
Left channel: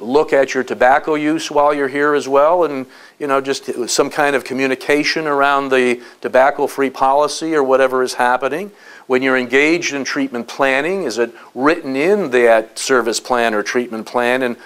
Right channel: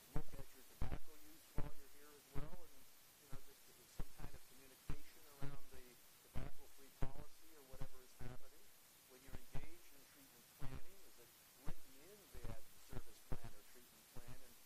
look at your tobacco use while you're here as well, and just some kind of communication around the tobacco-free policy or whatever is happening? When you're engaged in treatment planning, is it written in that service plan or treatment plan? And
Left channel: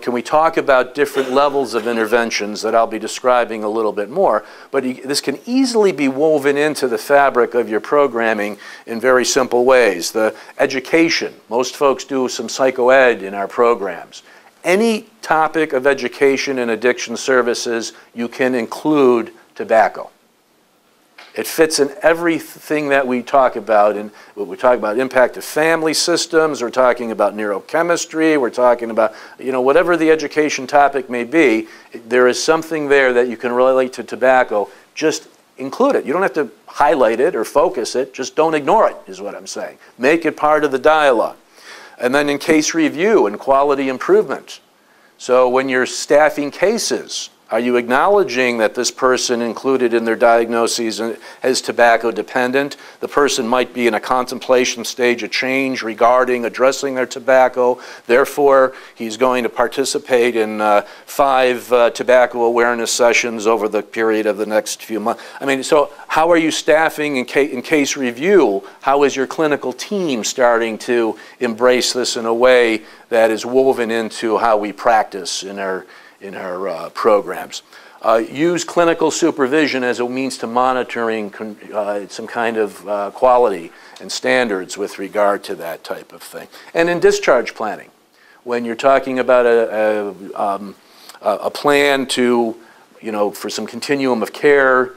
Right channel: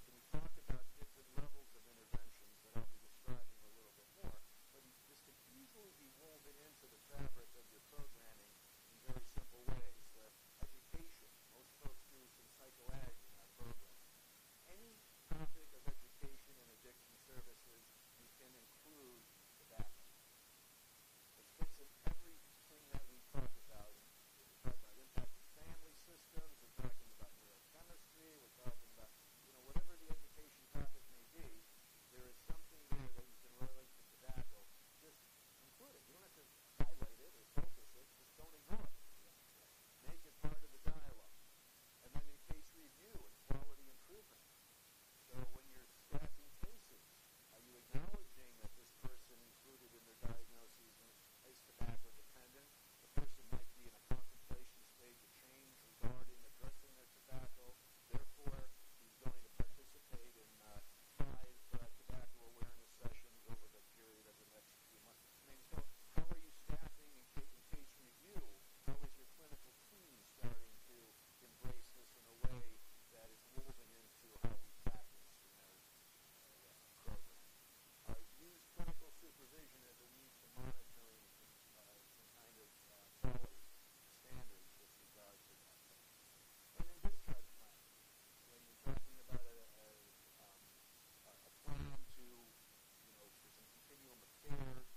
can we talk about different levels of interventions that I'll be describing a little bit more? But this can easily be woven into the fabric of your programming in very simple ways. The education, most folks do some psychoed in our programs. Any topic of education and addiction services, you can include tobacco. It fits in everything that we talk about. And we talk about impact of family systems, we're talking about neurochemistry, we're talking about, whatever the education topic may be, there is something there that you can relate to tobacco just include it. You don't have to highlight it or focus it. Just don't ignore it, is what I'm saying. Make it part of the dialogue. And then in case review and quality improvement. So when you're staffing cases, are you acknowledging that this person included in their diagnoses is tobacco dependent? The person might be in a contemplation stage of change regarding addressing their tobacco. Therefore, he's going to participate in 5 tobacco awareness sessions over the period of the next few months. I mean, so how are you staffing in case review? How is your clinical team starting to embrace this in a way that is woven into how we practice in our programs? Use clinical supervision as a means to monitoring some kind of quality and standards with regard to that type of thing. And in discharge planning, when you're talking about a plan to, for some continuum of care,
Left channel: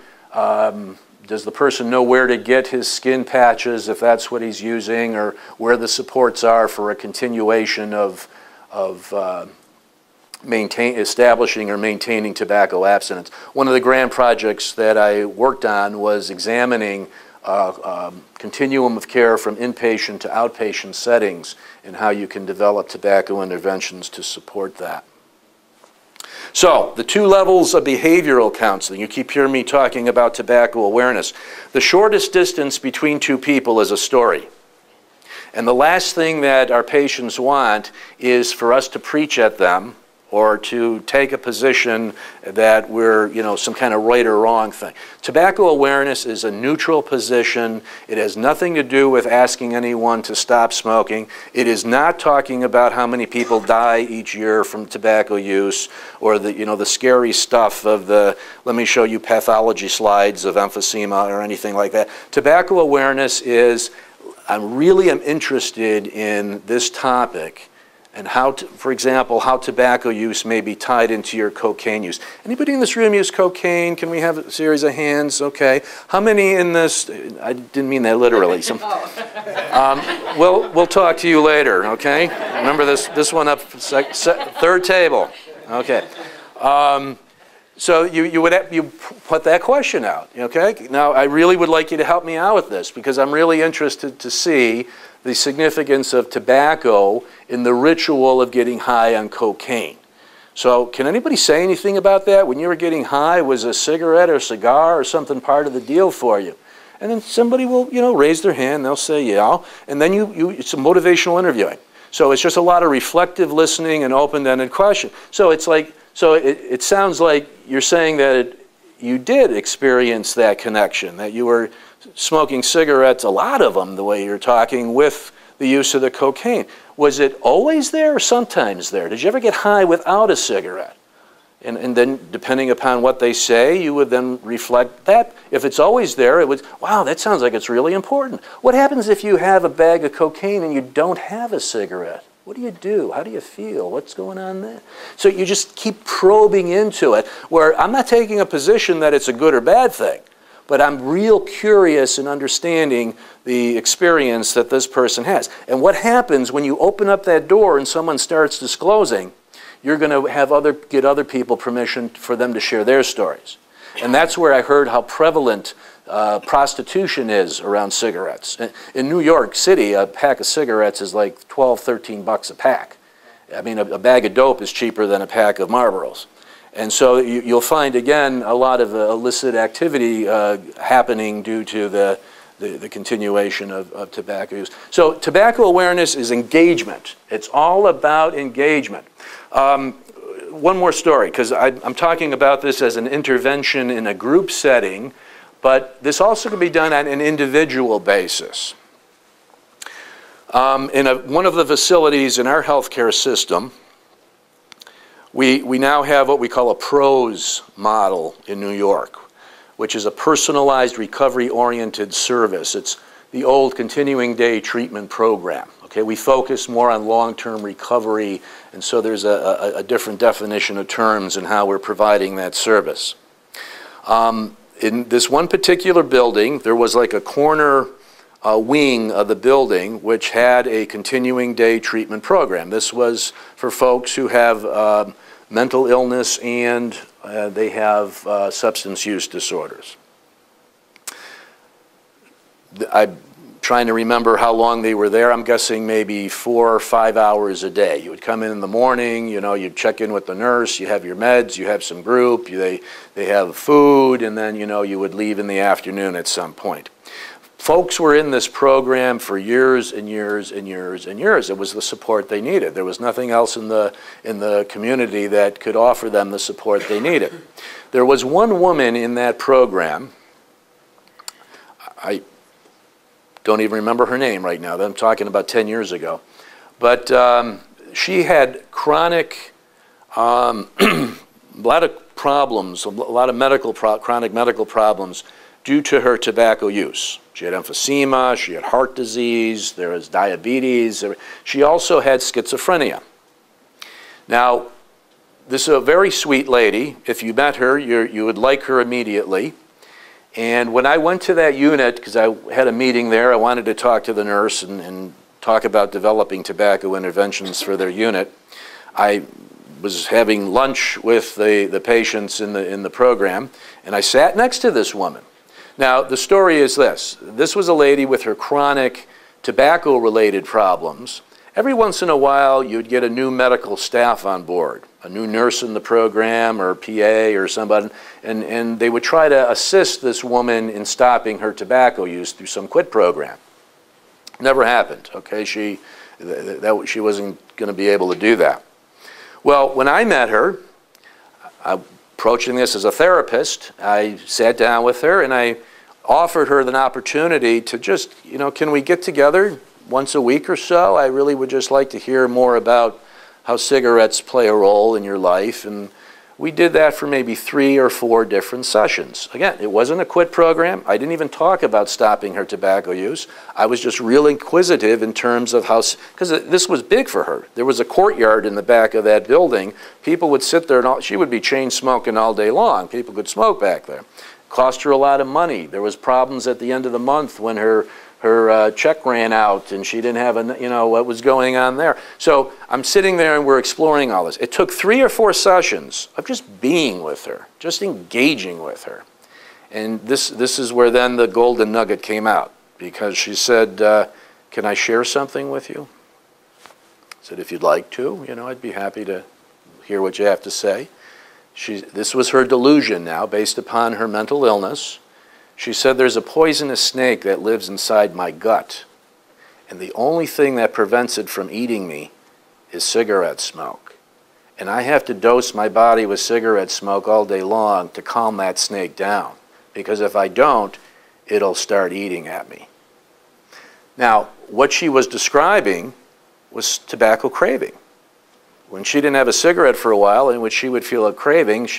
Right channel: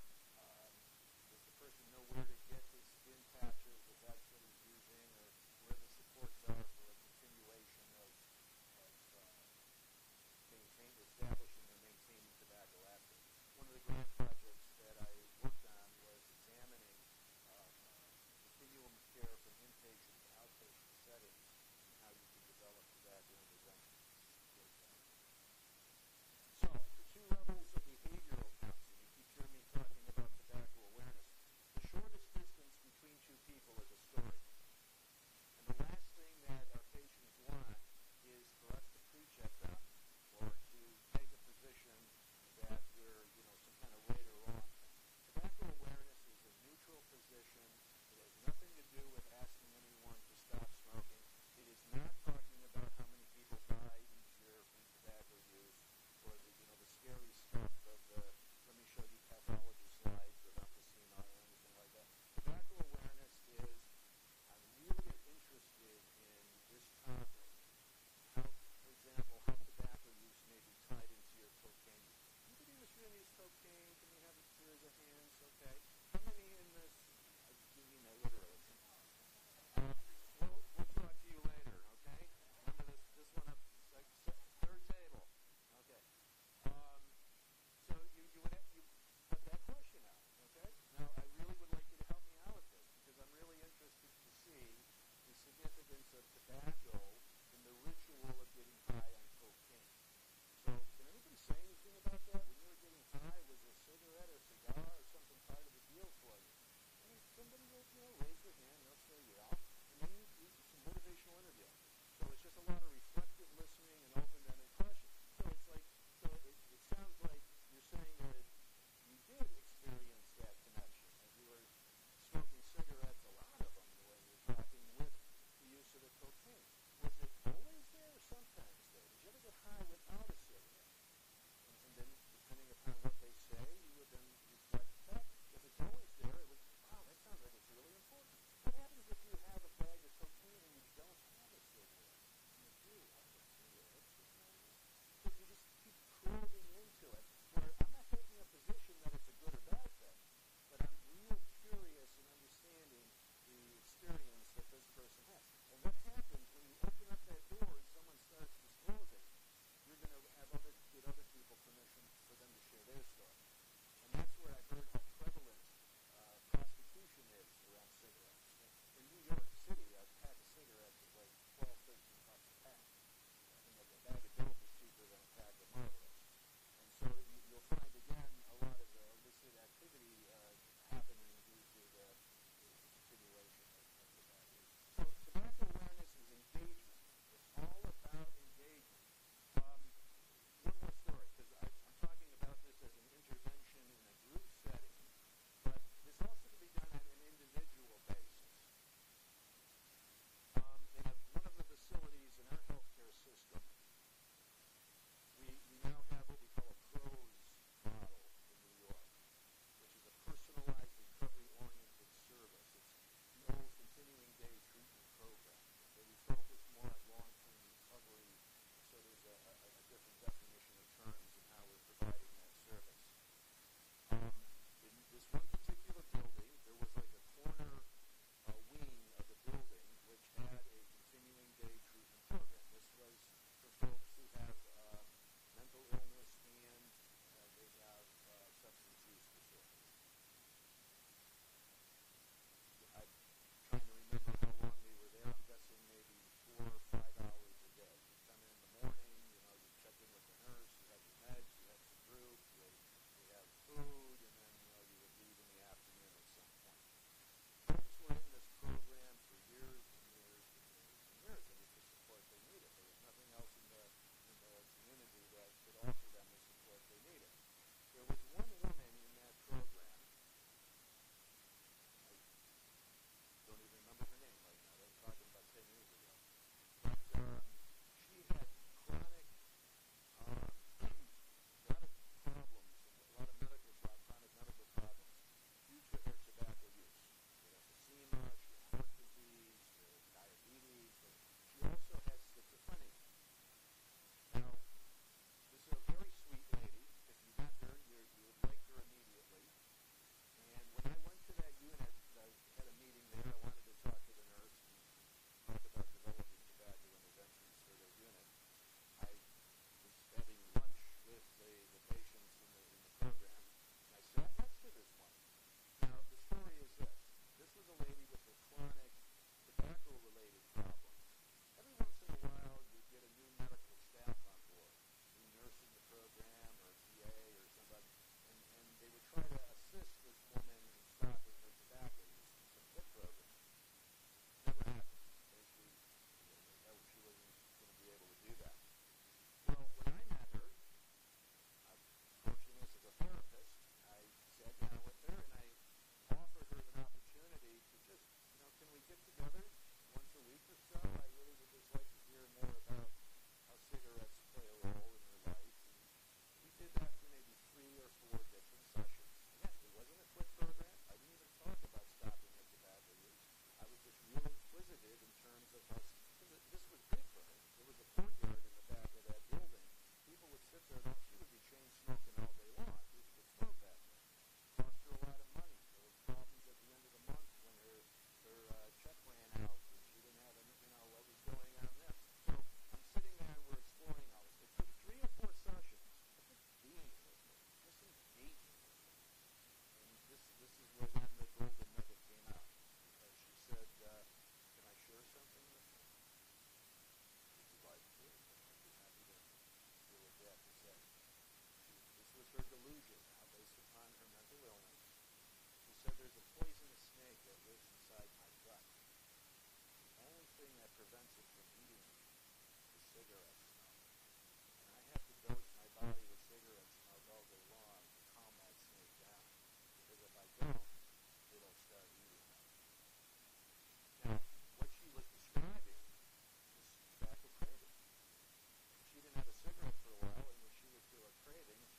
does the person know where to get his skin patches if that's what he's using, or where the supports are for a continuation of establishing or maintaining tobacco abstinence? One of the grand projects that I worked on was examining continuum of care from inpatient to outpatient settings and how you can develop tobacco interventions to support that. So, the 2 levels of behavioral counseling. You keep hearing me talking about tobacco awareness. The shortest distance between 2 people is a story. And the last thing that our patients want is for us to preach at them or to take a position that we're, some kind of right or wrong thing. Tobacco awareness is a neutral position. It has nothing to do with asking anyone to stop smoking. It is not talking about how many people die each year from tobacco use, or the scary stuff of the, let me show you pathology slides of emphysema or anything like that. Tobacco awareness is, I really am interested in this topic and how, for example, how tobacco use may be tied into your cocaine use. Anybody in this room use cocaine? Can we have a series of hands? Okay. How many in this? I didn't mean that literally. We'll talk to you later, okay? Remember this one up, 3rd table. Okay. So you put that question out, okay? Now, I really would like you to help me out with this, because I'm really interested to see the significance of tobacco in the ritual of getting high on cocaine. So can anybody say anything about that? When you were getting high, was a cigarette or cigar or something part of the deal for you? And then somebody will, raise their hand, they'll say, yeah, and then it's a motivational interviewing. So it's just a lot of reflective listening and open-ended question. So it's like, it sounds like you're saying that you did experience that connection, that you were smoking cigarettes, a lot of them, the way you're talking, with the use of the cocaine. Was it always there or sometimes there? Did you ever get high without a cigarette? And then, depending upon what they say, you would then reflect that. If it's always there, it would, wow, that sounds like it's really important. What happens if you have a bag of cocaine and you don't have a cigarette? What do you do? How do you feel? What's going on there? So you just keep probing into it, where I'm not taking a position that it's a good or bad thing, but I'm real curious in understanding the experience that this person has. And what happens when you open up that door and someone starts disclosing, you're going to have get other people permission for them to share their stories. And that's where I heard how prevalent prostitution is around cigarettes. In New York City, a pack of cigarettes is like 12, 13 bucks a pack. I mean, a bag of dope is cheaper than a pack of Marlboros. And so you'll find, again, a lot of illicit activity happening due to the continuation of tobacco use. So tobacco awareness is engagement. It's all about engagement. One more story, because I'm talking about this as an intervention in a group setting, but this also can be done on an individual basis. In one of the facilities in our healthcare system, we now have what we call a PROS model in New York, which is a personalized recovery-oriented service. It's the old continuing day treatment program. Okay, we focus more on long-term recovery, and so there's a different definition of terms in how we're providing that service. In this one particular building, there was like a corner wing of the building which had a continuing day treatment program. This was for folks who have mental illness and they have substance use disorders. I'm trying to remember how long they were there. I'm guessing maybe 4 or 5 hours a day. You would come in the morning, you know, you'd check in with the nurse, you have your meds, you have some group, they have food, and then, you know, you would leave in the afternoon at some point. Folks were in this program for years and years and years and years. It was the support they needed. There was nothing else in the community that could offer them the support they needed. There was one woman in that program, I don't even remember her name right now. I'm talking about 10 years ago. But she had chronic, a lot of problems, a lot of chronic medical problems due to her tobacco use. She had emphysema, she had heart disease, there was diabetes. She also had schizophrenia. Now, this is a very sweet lady. If you met her, you would like her immediately. And when I went to that unit, because I had a meeting there, I wanted to talk to the nurse and talk about developing tobacco interventions for their unit. I was having lunch with the patients in the program, and I sat next to this woman. Now, the story is this. This was a lady with her chronic tobacco-related problems. Every once in a while, you'd get a new medical staff on board, a new nurse in the program or PA or somebody, and they would try to assist this woman in stopping her tobacco use through some quit program. Never happened, okay? She wasn't going to be able to do that. Well, when I met her, approaching this as a therapist, I sat down with her and I offered her an opportunity to just, you know, can we get together once a week or so? I really would just like to hear more about how cigarettes play a role in your life. And we did that for maybe 3 or 4 different sessions. Again, it wasn't a quit program. I didn't even talk about stopping her tobacco use. I was just real inquisitive in terms of how, because this was big for her. There was a courtyard in the back of that building. People would sit there and she would be chain smoking all day long. People could smoke back there. Cost her a lot of money. There was problems at the end of the month when her check ran out and she didn't have, you know, what was going on there. So I'm sitting there and we're exploring all this. It took 3 or 4 sessions of just being with her, just engaging with her. And this is where then the golden nugget came out, because she said, can I share something with you? I said, if you'd like to, you know, I'd be happy to hear what you have to say. This was her delusion now, based upon her mental illness. She said, there's a poisonous snake that lives inside my gut, and the only thing that prevents it from eating me is cigarette smoke. And I have to dose my body with cigarette smoke all day long to calm that snake down, because if I don't, it'll start eating at me. Now, what she was describing was tobacco craving. When she didn't have a cigarette for a while, in which she would feel a craving,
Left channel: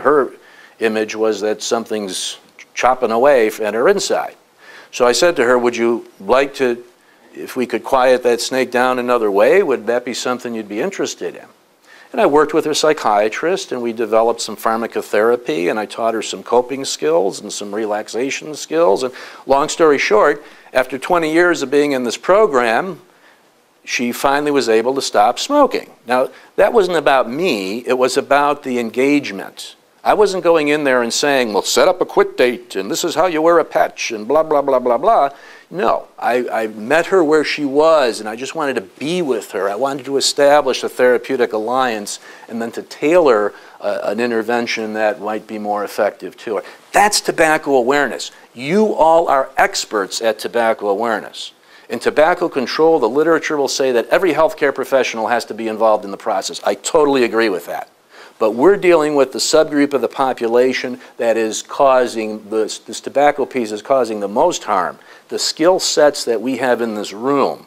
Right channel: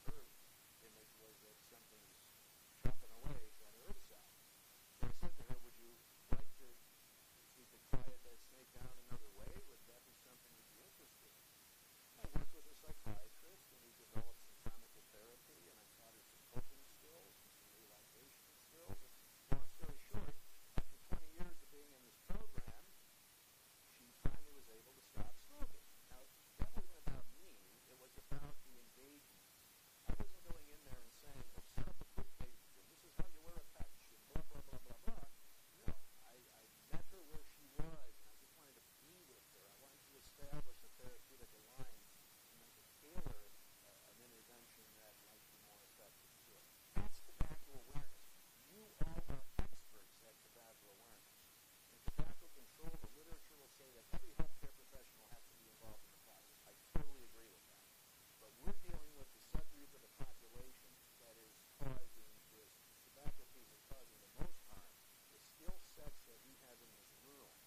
her image was that something's chopping away at her inside. So I said to her, would you like to, if we could quiet that snake down another way, would that be something you'd be interested in? And I worked with her psychiatrist, and we developed some pharmacotherapy, and I taught her some coping skills and some relaxation skills. And long story short, after 20 years of being in this program, she finally was able to stop smoking. Now, that wasn't about me, it was about the engagement. I wasn't going in there and saying, well, set up a quit date, and this is how you wear a patch, and blah, blah, blah, blah, blah. No, I met her where she was, and I just wanted to be with her. I wanted to establish a therapeutic alliance and then to tailor an intervention that might be more effective to her. That's tobacco awareness. You all are experts at tobacco awareness. In tobacco control, the literature will say that every healthcare professional has to be involved in the process. I totally agree with that. But we're dealing with the subgroup of the population that is causing, this tobacco piece is causing the most harm. The skill sets that we have in this room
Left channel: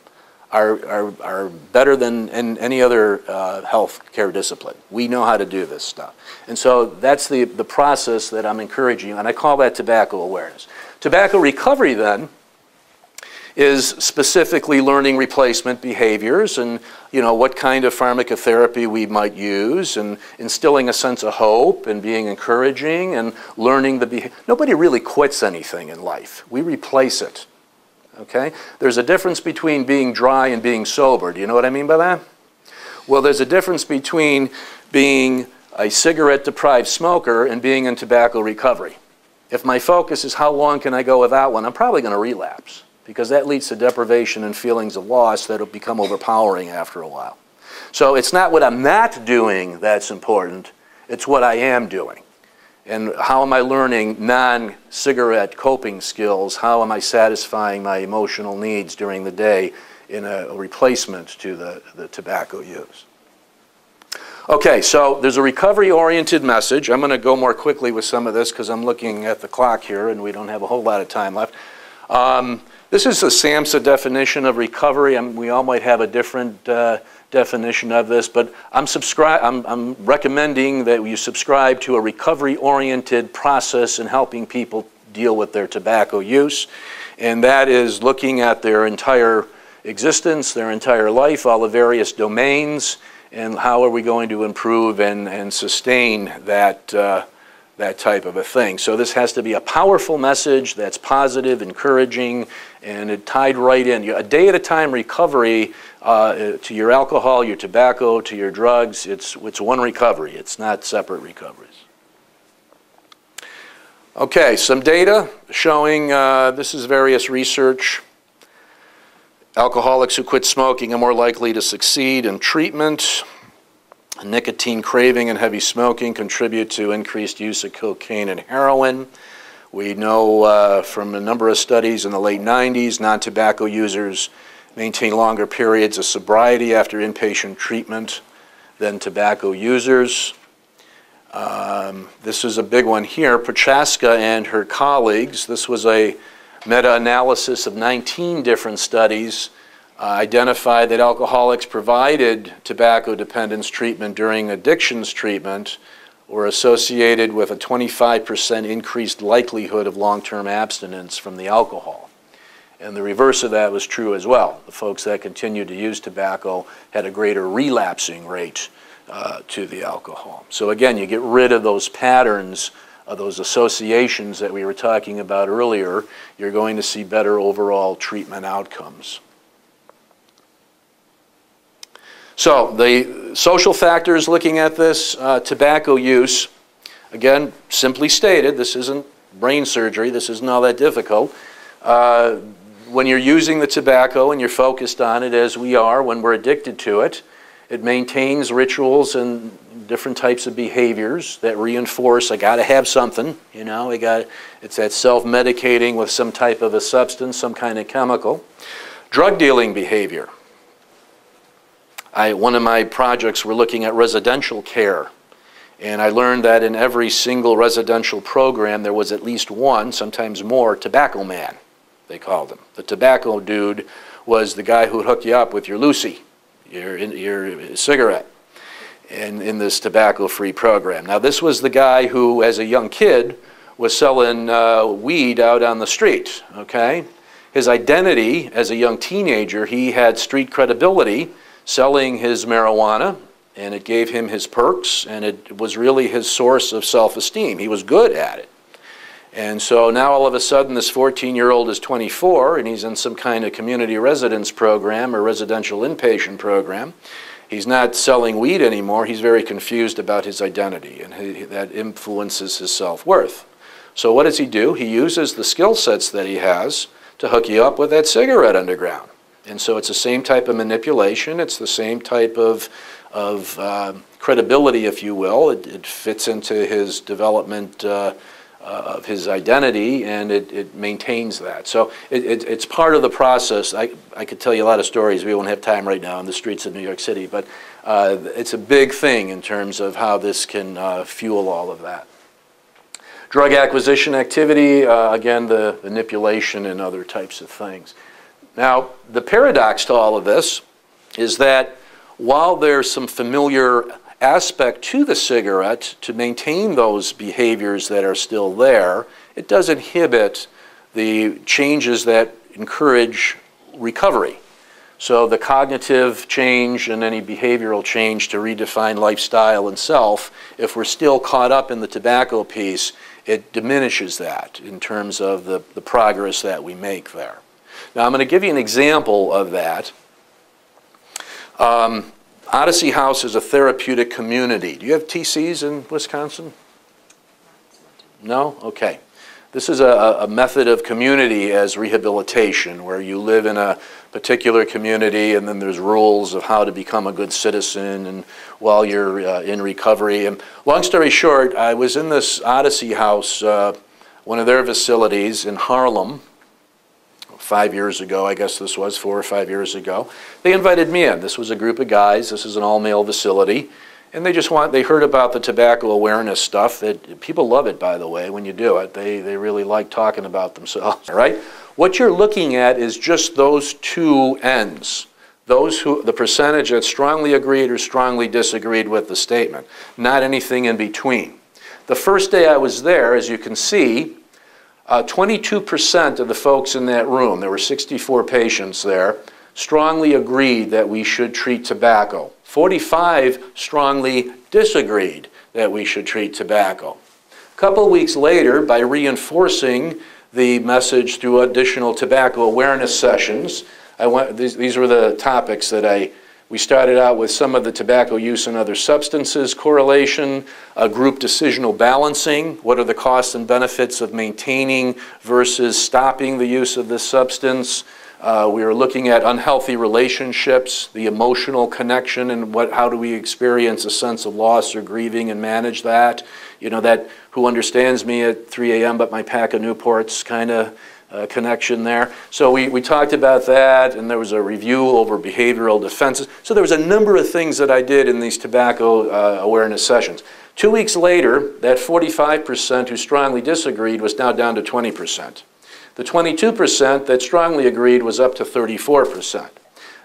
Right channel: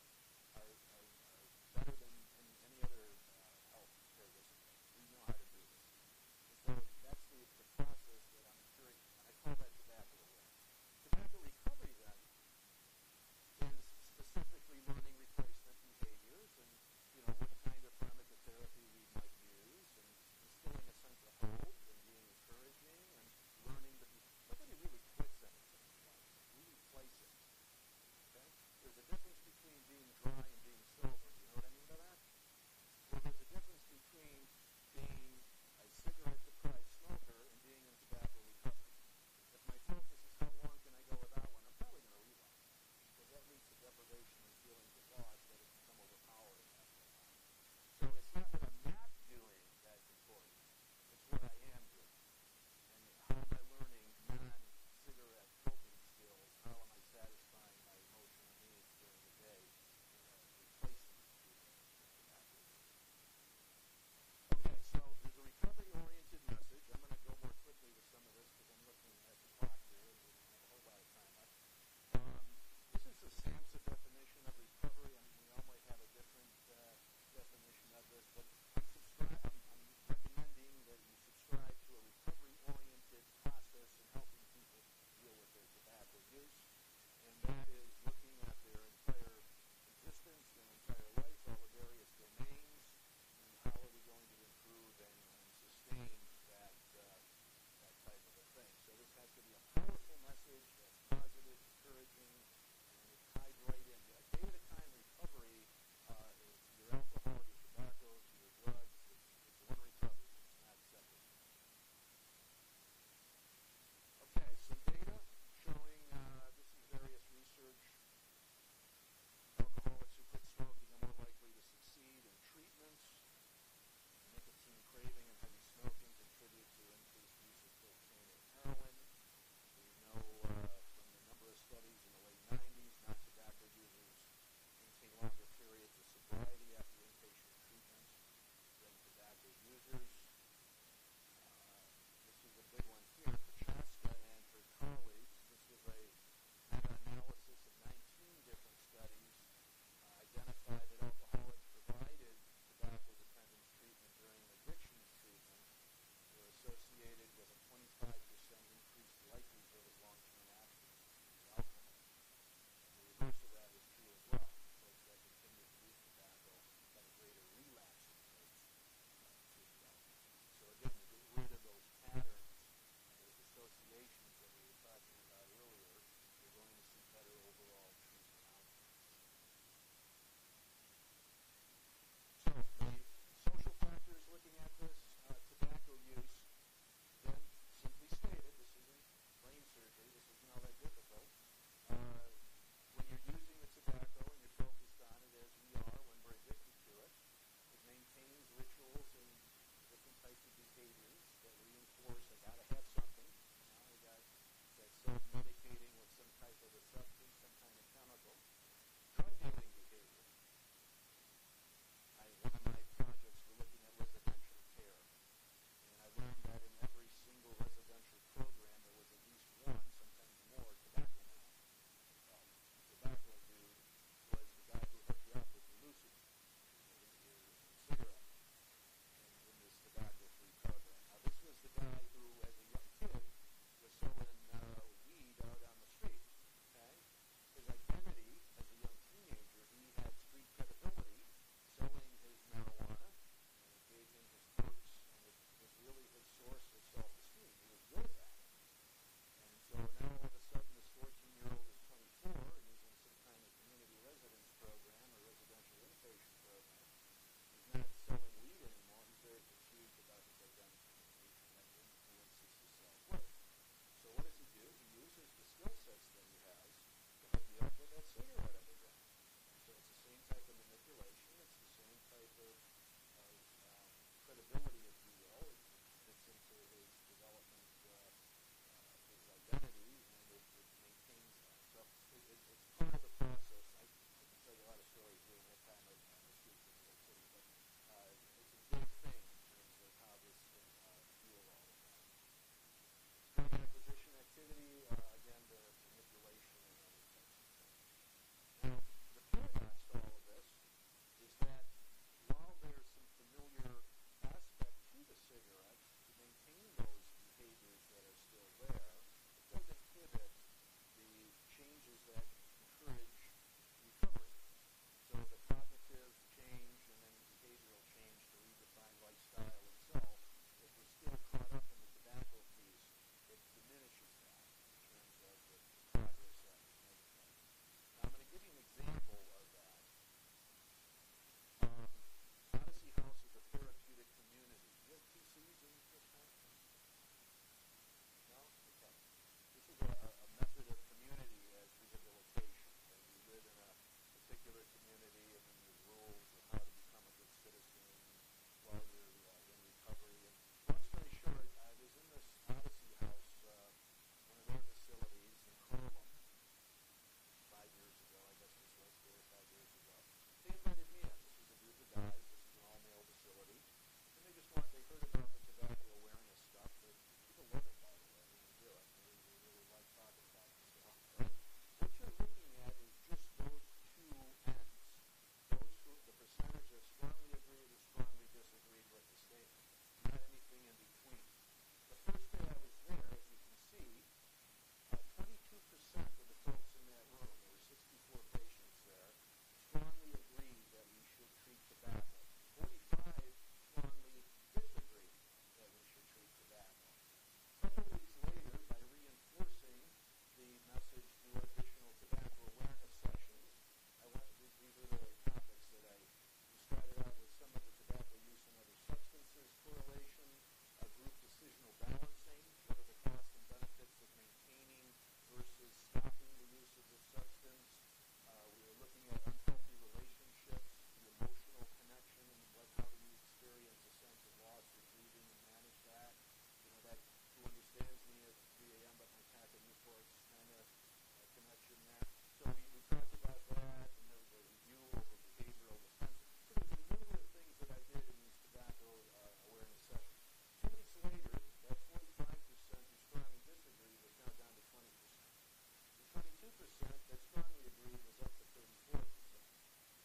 are better than in any other health care discipline. We know how to do this stuff. And so that's the process that I'm encouraging, and I call that tobacco awareness. Tobacco recovery then is specifically learning replacement behaviors and, you know, what kind of pharmacotherapy we might use, and instilling a sense of hope and being encouraging and learning the behavior. Nobody really quits anything in life. We replace it, okay? There's a difference between being dry and being sober. Do you know what I mean by that? Well, there's a difference between being a cigarette-deprived smoker and being in tobacco recovery. If my focus is how long can I go without one, I'm probably going to relapse, because that leads to deprivation and feelings of loss that will become overpowering after a while. So it's not what I'm not doing that's important, it's what I am doing. And how am I learning non-cigarette coping skills? How am I satisfying my emotional needs during the day in a replacement to the tobacco use? Okay, so there's a recovery-oriented message. I'm going to go more quickly with some of this because I'm looking at the clock here and we don't have a whole lot of time left. This is a SAMHSA definition of recovery. We all might have a different definition of this, but I'm recommending that you subscribe to a recovery-oriented process in helping people deal with their tobacco use, and that is looking at their entire existence, their entire life, all the various domains, and how are we going to improve and sustain that, that type of a thing. So this has to be a powerful message that's positive, encouraging, and it tied right in. A day-at-a-time recovery to your alcohol, your tobacco, to your drugs, it's one recovery. It's not separate recoveries. Okay, some data showing, this is various research. Alcoholics who quit smoking are more likely to succeed in treatment. Nicotine craving and heavy smoking contribute to increased use of cocaine and heroin. We know from a number of studies in the late 90s, non-tobacco users maintain longer periods of sobriety after inpatient treatment than tobacco users. This is a big one here. Prochaska and her colleagues, this was a meta-analysis of 19 different studies, identified that alcoholics provided tobacco dependence treatment during addictions treatment were associated with a 25% increased likelihood of long-term abstinence from the alcohol. And the reverse of that was true as well. The folks that continued to use tobacco had a greater relapsing rate to the alcohol. So again, you get rid of those patterns, those associations that we were talking about earlier, you're going to see better overall treatment outcomes. So the social factors looking at this, tobacco use, again, simply stated, this isn't brain surgery, this isn't all that difficult. When you're using the tobacco and you're focused on it, as we are when we're addicted to it, it maintains rituals and different types of behaviors that reinforce, I gotta have something, you know, it's that self-medicating with some type of a substance, some kind of chemical. Drug dealing behavior. One of my projects, we're looking at residential care, and I learned that in every single residential program there was at least one, sometimes more, tobacco man, they called him. The tobacco dude was the guy who'd hook you up with your Lucy, your cigarette, in this tobacco-free program. Now this was the guy who, as a young kid, was selling weed out on the street, okay? His identity as a young teenager, he had street credibility, selling his marijuana, and it gave him his perks, and it was really his source of self-esteem. He was good at it. And so now all of a sudden this 14-year-old is 24 and he's in some kind of community residence program or residential inpatient program. He's not selling weed anymore. He's very confused about his identity, and that influences his self-worth. So what does he do? He uses the skill sets that he has to hook you up with that cigarette underground. And so it's the same type of manipulation. It's the same type of credibility, if you will. It fits into his development of his identity, and it maintains that. So it's part of the process. I could tell you a lot of stories. We won't have time right now on the streets of New York City, but it's a big thing in terms of how this can fuel all of that. Drug acquisition activity, again, the manipulation and other types of things. Now, the paradox to all of this is that while there's some familiar aspect to the cigarette to maintain those behaviors that are still there, it does inhibit the changes that encourage recovery. So the cognitive change and any behavioral change to redefine lifestyle and self, if we're still caught up in the tobacco piece, it diminishes that in terms of the progress that we make there. Now I'm going to give you an example of that. Odyssey House is a therapeutic community. Do you have TCs in Wisconsin? No? Okay. This is a method of community as rehabilitation, where you live in a particular community and then there's rules of how to become a good citizen and while you're in recovery. And long story short, I was in this Odyssey House, one of their facilities in Harlem, 5 years ago, I guess this was 4 or 5 years ago. They invited me in. This was a group of guys. This is an all-male facility. And they heard about the tobacco awareness stuff. That people love it, by the way, when you do it. They really like talking about themselves, all right? What you're looking at is just those two ends. The percentage that strongly agreed or strongly disagreed with the statement, not anything in between. The first day I was there, as you can see, 22% of the folks in that room, there were 64 patients there, strongly agreed that we should treat tobacco. 45 strongly disagreed that we should treat tobacco. A couple of weeks later, by reinforcing the message through additional tobacco awareness sessions, these were the topics that we started out with: some of the tobacco use and other substances correlation, group decisional balancing, what are the costs and benefits of maintaining versus stopping the use of this substance. We were looking at unhealthy relationships, the emotional connection, and how do we experience a sense of loss or grieving and manage that. You know, that who understands me at 3 a.m. but my pack of Newports kind of connection there. So we talked about that, and there was a review over behavioral defenses. So there was a number of things that I did in these tobacco awareness sessions. 2 weeks later, that 45% who strongly disagreed was now down to 20%. The 22% that strongly agreed was up to 34%.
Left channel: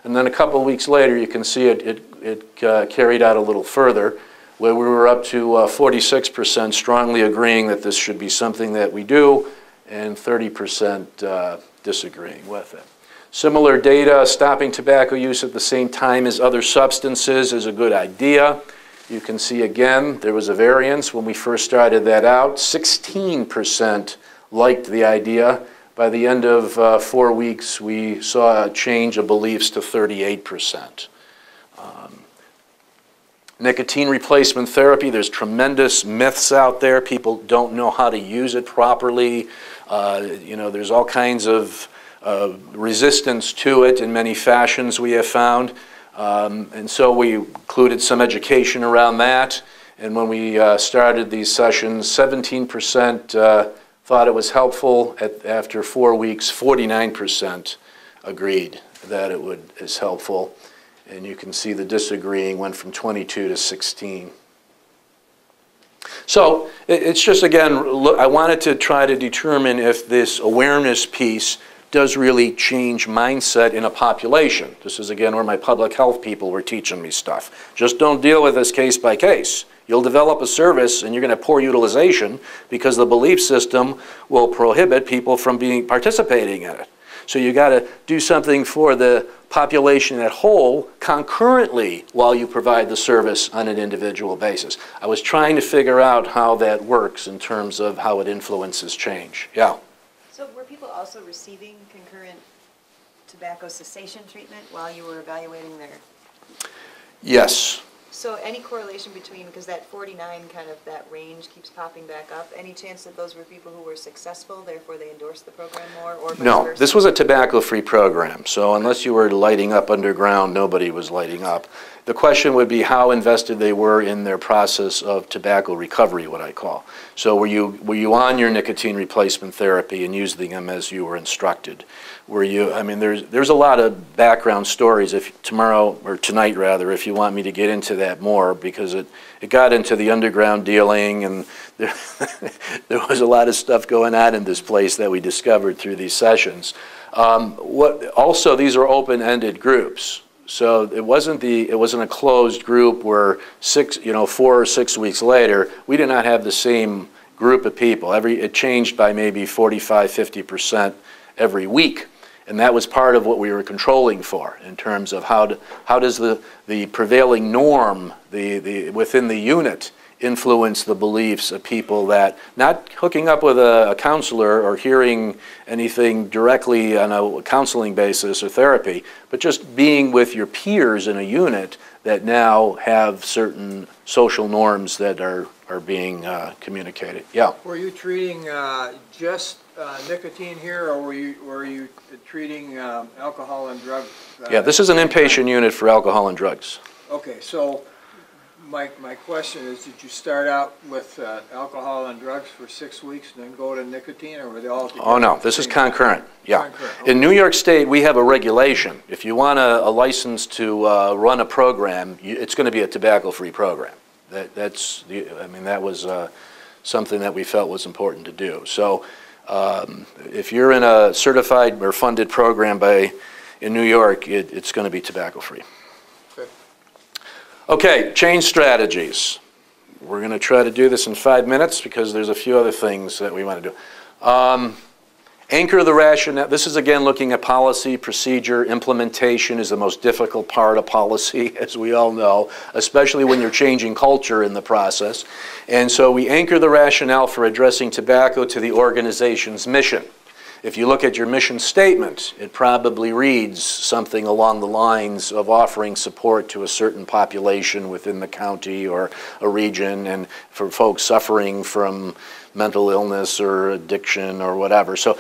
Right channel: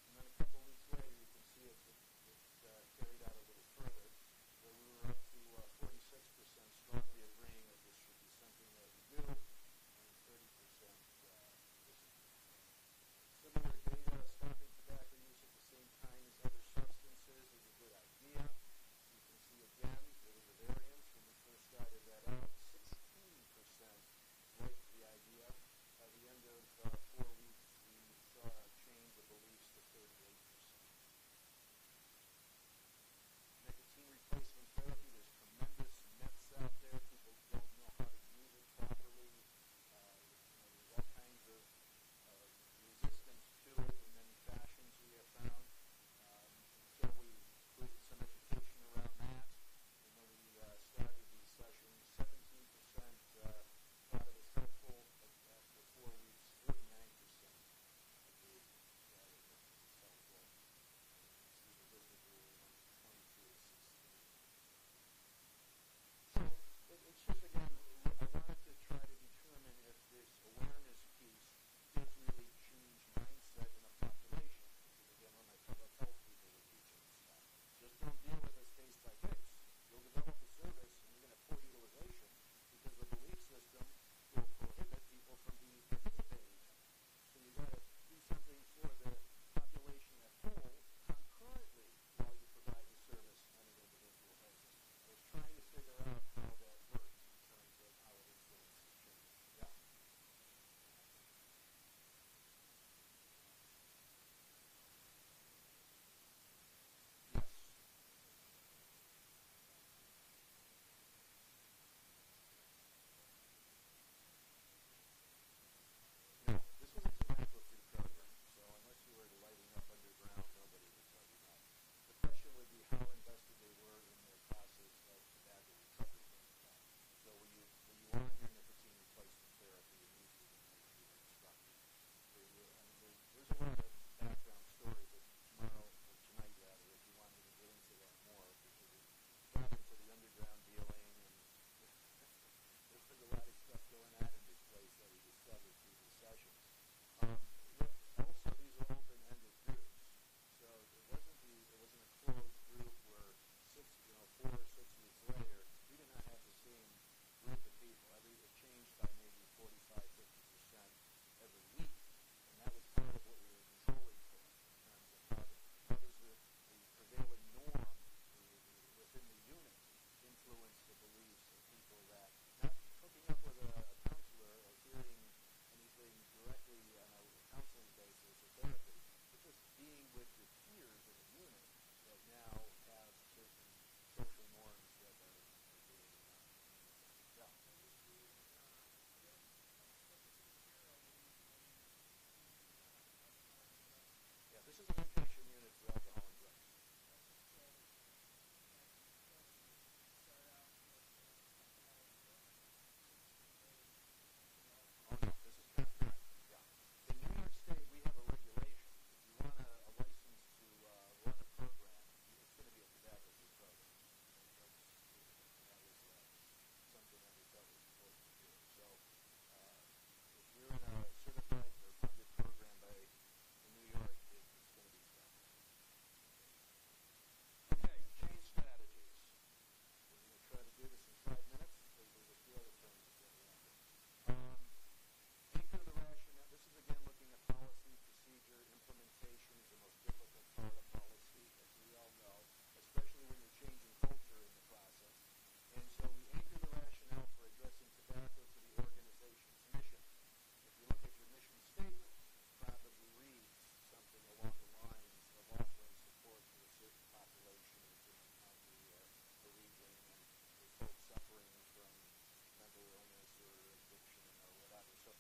And then a couple of weeks later, you can see it carried out a little further, where we were up to 46% strongly agreeing that this should be something that we do, and 30% disagreeing with it. Similar data: stopping tobacco use at the same time as other substances is a good idea. You can see again, there was a variance when we first started that out. 16% liked the idea. By the end of 4 weeks, we saw a change of beliefs to 38%. Nicotine replacement therapy, there's tremendous myths out there. People don't know how to use it properly. You know, there's all kinds of resistance to it in many fashions, we have found. And so we included some education around that. And when we started these sessions, 17% thought it was helpful. After 4 weeks, 49% agreed that is helpful. And you can see the disagreeing went from 22 to 16. So it's just, again, look, I wanted to try to determine if this awareness piece does really change mindset in a population. This is, again, where my public health people were teaching me stuff. Just don't deal with this case by case. You'll develop a service and you're going to have poor utilization because the belief system will prohibit people from participating in it. So you got to do something for the population at whole concurrently while you provide the service on an individual basis. I was trying to figure out how that works in terms of how it influences change. Yeah? So were people also receiving concurrent tobacco cessation treatment while you were evaluating their... Yes. So any correlation between, because that 49 kind of, that range keeps popping back up, any chance that those were people who were successful, therefore they endorsed the program more, or vice No, versa? this was a tobacco-free program, so unless you were lighting up underground, nobody was lighting up. The question would be how invested they were in their process of tobacco recovery, what I call. So were you on your nicotine replacement therapy and using them as you were instructed? Were you, I mean, there's a lot of background stories, if tomorrow, or tonight rather, if you want me to get into that more, because it got into the underground dealing, and there was a lot of stuff going on in this place that we discovered through these sessions. Also, these are open-ended groups. So it wasn't a closed group where 4 or 6 weeks later, we did not have the same group of people. It changed by maybe 45, 50% every week. And that was part of what we were controlling for in terms of how does the prevailing norm within the unit influence the beliefs of people, that not hooking up with a counselor or hearing anything directly on a counseling basis or therapy, but just being with your peers in a unit that now have certain social norms that are are being communicated. Yeah. Were you treating just nicotine here, or were you treating alcohol and drugs? Yeah, this is an inpatient unit for alcohol and drugs. Okay, so my question is, did you start out with alcohol and drugs for 6 weeks and then go to nicotine, or were they all together? Oh, no, this is concurrent. Yeah. Concurrent, okay. In New York State, we have a regulation. If you want a license to run a program, it's going to be a tobacco-free program. That was something that we felt was important to do. So if you're in a certified or funded program in New York, it's going to be tobacco-free. Okay. Okay, change strategies. We're going to try to do this in 5 minutes because there's a few other things that we want to do. Anchor the rationale. This is, again, looking at policy, procedure. Implementation is the most difficult part of policy, as we all know, especially when you're changing culture in the process. And so we anchor the rationale for addressing tobacco to the organization's mission. If you look at your mission statement, it probably reads something along the lines of offering support to a certain population within the county or a region, and for folks suffering from mental illness or addiction or whatever. So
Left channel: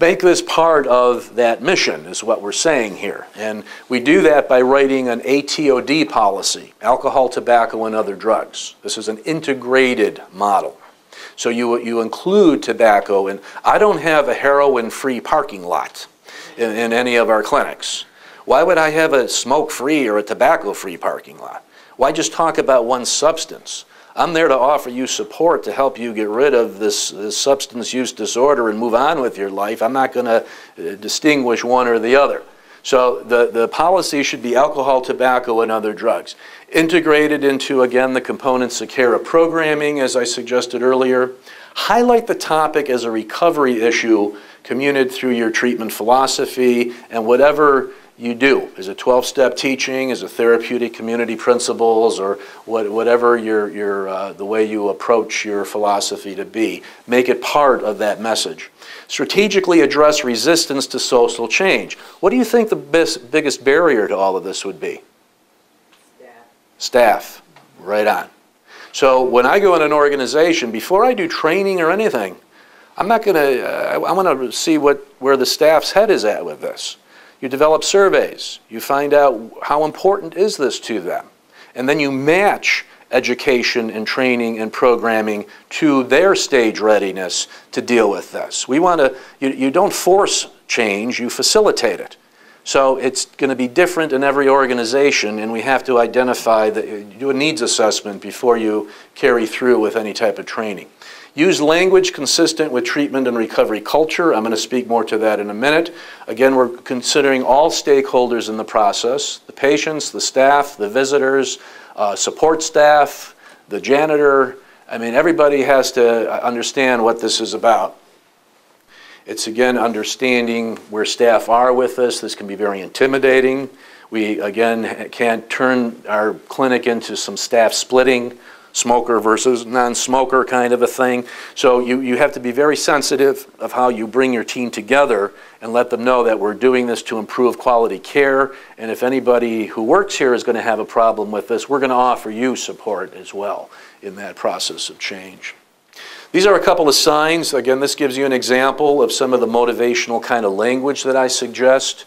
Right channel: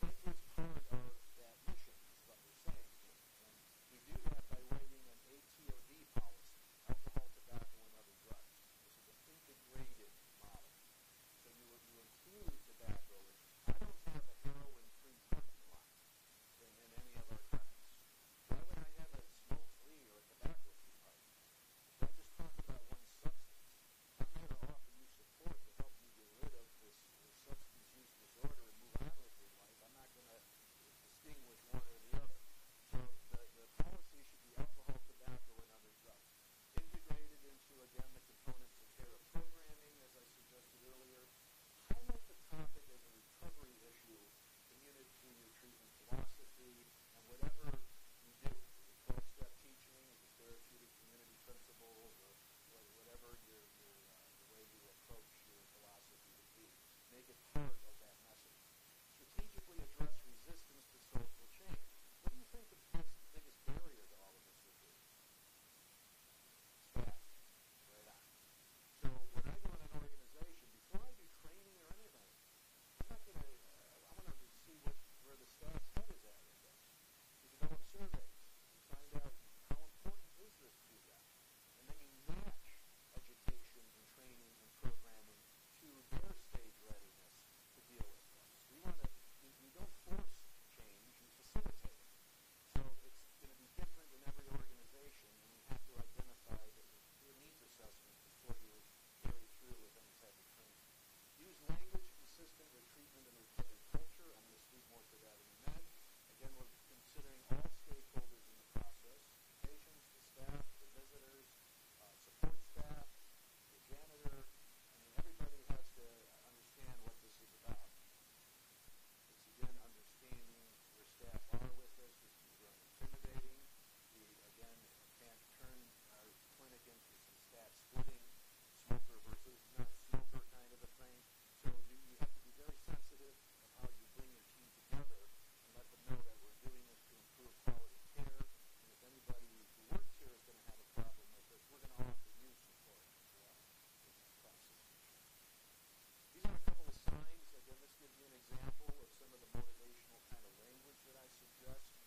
make this part of that mission is what we're saying here. And we do that by writing an ATOD policy, alcohol, tobacco, and other drugs. This is an integrated model. So you include tobacco, and I don't have a heroin-free parking lot in any of our clinics. Why would I have a smoke-free or a tobacco-free parking lot? Why just talk about one substance? I'm there to offer you support to help you get rid of this substance use disorder and move on with your life. I'm not going to distinguish one or the other. So the policy should be alcohol, tobacco, and other drugs. Integrated into, again, the components of care of programming, as I suggested earlier. Highlight the topic as a recovery issue communicated through your treatment philosophy and whatever you do. Is it 12-step teaching? Is it therapeutic community principles? Or whatever the way you approach your philosophy to be. Make it part of that message. Strategically address resistance to social change. What do you think the biggest barrier to all of this would be? Staff. Right on. So when I go in an organization, before I do training or anything, I'm not going to, I want to see where the staff's head is at with this. You develop surveys. You find out how important is this to them. And then you match education and training and programming to their stage readiness to deal with this. We want to, you don't force change, you facilitate it. So it's going to be different in every organization, and we have to identify do a needs assessment before you carry through with any type of training. Use language consistent with treatment and recovery culture. I'm going to speak more to that in a minute. Again, we're considering all stakeholders in the process, the patients, the staff, the visitors, support staff, the janitor. I mean, everybody has to understand what this is about. It's, again, understanding where staff are with this. This can be very intimidating. We, again, can't turn our clinic into some staff splitting, smoker versus non-smoker kind of a thing. So you have to be very sensitive of how you bring your team together and let them know that we're doing this to improve quality care. And if anybody who works here is going to have a problem with this, we're going to offer you support as well in that process of change. These are a couple of signs. Again, this gives you an example of some of the motivational kind of language that I suggest.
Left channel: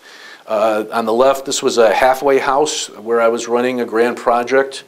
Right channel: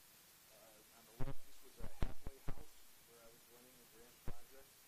On the left, this was a halfway house where I was running a grand project.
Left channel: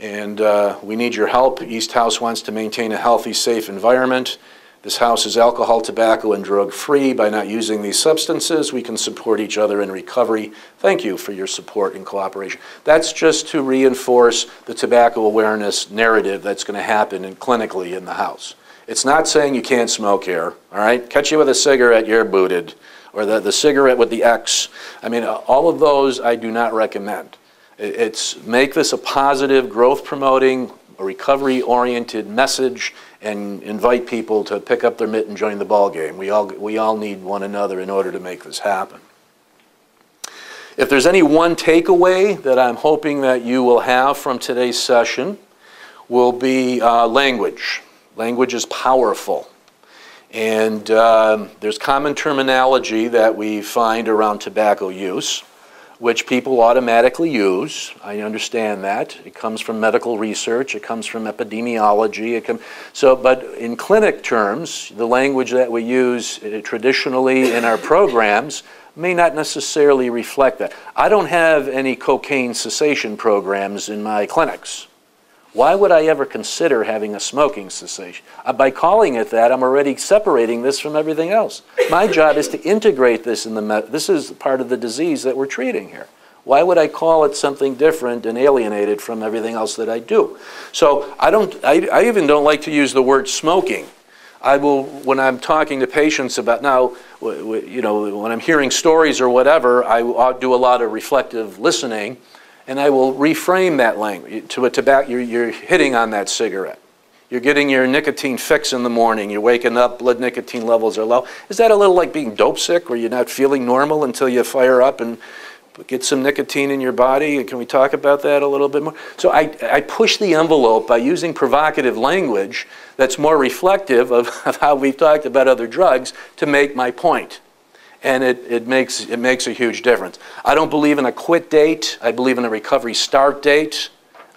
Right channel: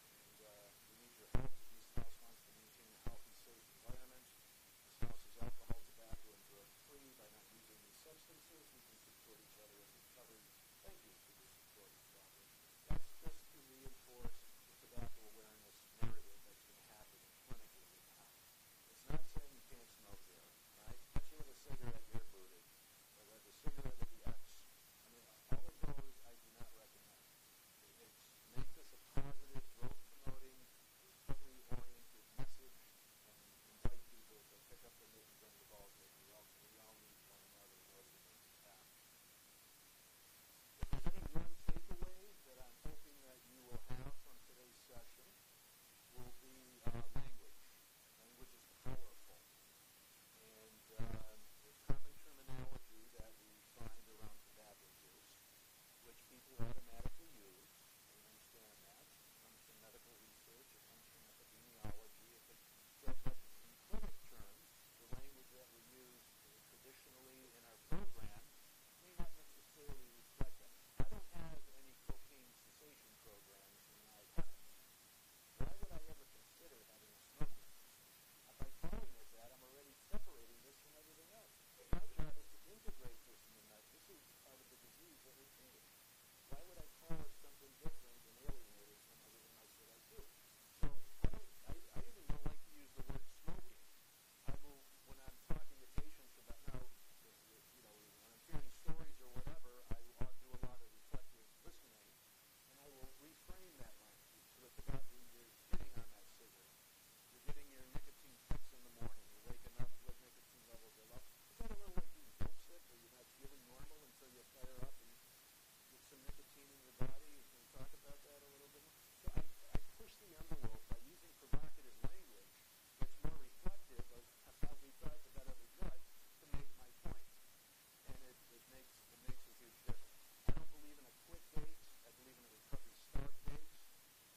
And we need your help. East House wants to maintain a healthy, safe environment. This house is alcohol, tobacco, and drug-free. By not using these substances, we can support each other in recovery. Thank you for your support and cooperation. That's just to reinforce the tobacco awareness narrative that's going to happen clinically in the house. It's not saying you can't smoke here, all right? Catch you with a cigarette, you're booted. Or the cigarette with the X. I mean, all of those I do not recommend. It's make this a positive, growth-promoting, recovery-oriented message and invite people to pick up their mitt and join the ball game. We all need one another in order to make this happen. If there's any one takeaway that I'm hoping that you will have from today's session will be language. Language is powerful. And there's common terminology that we find around tobacco use. which people automatically use. I understand that. It comes from medical research. It comes from epidemiology. But in clinic terms, the language that we use traditionally in our programs may not necessarily reflect that. I don't have any cocaine cessation programs in my clinics. Why would I ever consider having a smoking cessation? By calling it that, I'm already separating this from everything else. My job is to integrate this in this is part of the disease that we're treating here. Why would I call it something different and alienate it from everything else that I do? So I even don't like to use the word smoking. I will, when I'm talking to patients about, now, you know, when I'm hearing stories or whatever, I'll do a lot of reflective listening. And I will reframe that language to a tobacco. You're hitting on that cigarette. You're getting your nicotine fix in the morning. You're waking up, blood nicotine levels are low. Is that a little like being dope sick, where you're not feeling normal until you fire up and get some nicotine in your body? Can we talk about that a little bit more? So I push the envelope by using provocative language that's more reflective of how we've talked about other drugs to make my point. And it makes a huge difference. I don't believe in a quit date. I believe in a recovery start date.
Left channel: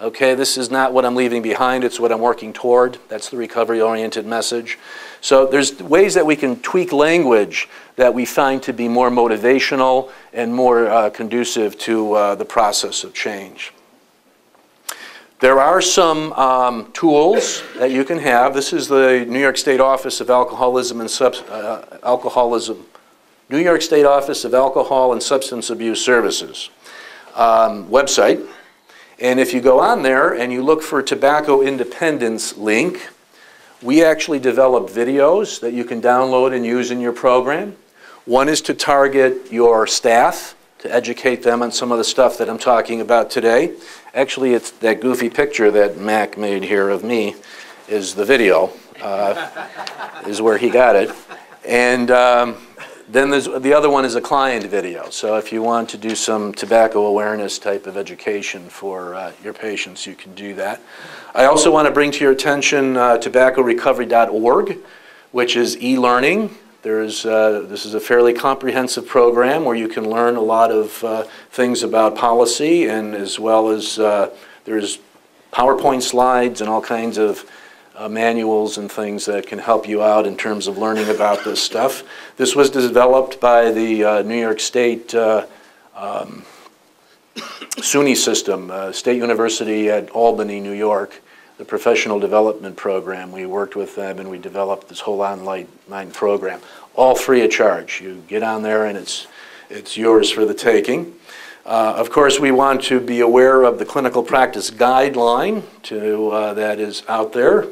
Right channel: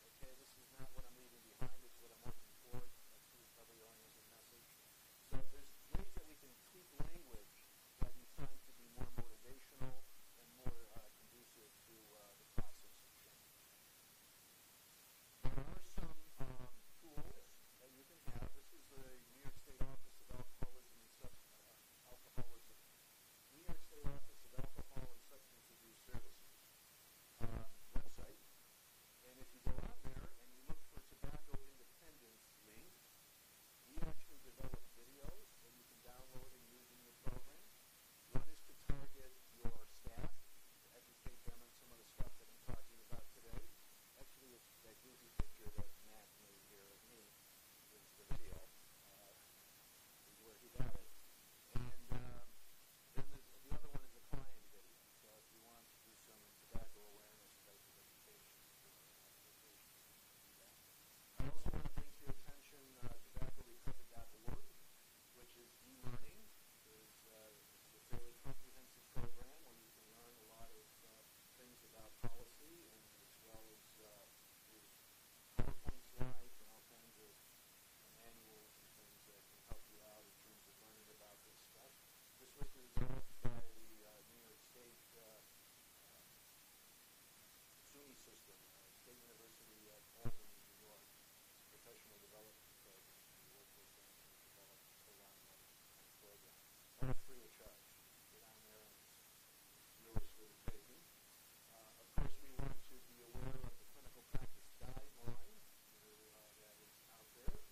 Okay, this is not what I'm leaving behind. It's what I'm working toward. That's the recovery-oriented message. So there's ways that we can tweak language that we find to be more motivational and more conducive to the process of change. There are some tools that you can have. This is the New York State Office of Alcoholism and New York State Office of Alcohol and Substance Abuse Services website. And if you go on there and you look for tobacco independence link, we actually develop videos that you can download and use in your program. One is to target your staff, to educate them on some of the stuff that I'm talking about today. Actually, it's that goofy picture that Mac made here of me is the video, is where he got it. And then the other one is a client video. So if you want to do some tobacco awareness type of education for your patients, you can do that. I also want to bring to your attention tobaccorecovery.org, which is e-learning. This is a fairly comprehensive program where you can learn a lot of things about policy, and as well as there's PowerPoint slides and all kinds of manuals and things that can help you out in terms of learning about this stuff. This was developed by the New York State SUNY system, State University at Albany, New York, the professional development program. We worked with them and we developed this whole online program, all free of charge. You get on there and it's yours for the taking. Of course, we want to be aware of the clinical practice guideline that is out there.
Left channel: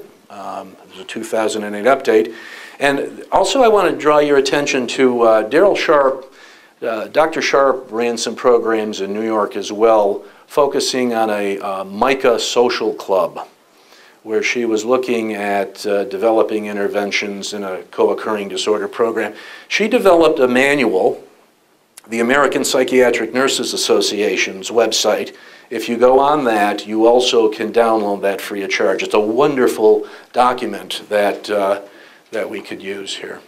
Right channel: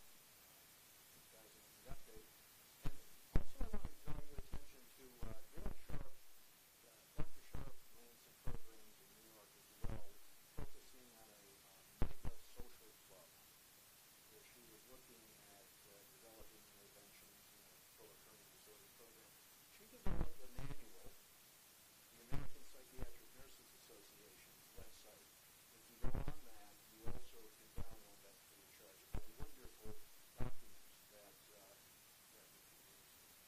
There's a 2008 update. And also I want to draw your attention to Daryl Sharp. Dr. Sharp ran some programs in New York as well, focusing on a MICA social club, where she was looking at developing interventions in a co-occurring disorder program. She developed a manual, the American Psychiatric Nurses Association's website. If you go on that, you also can download that free of charge. It's a wonderful document that we could use here.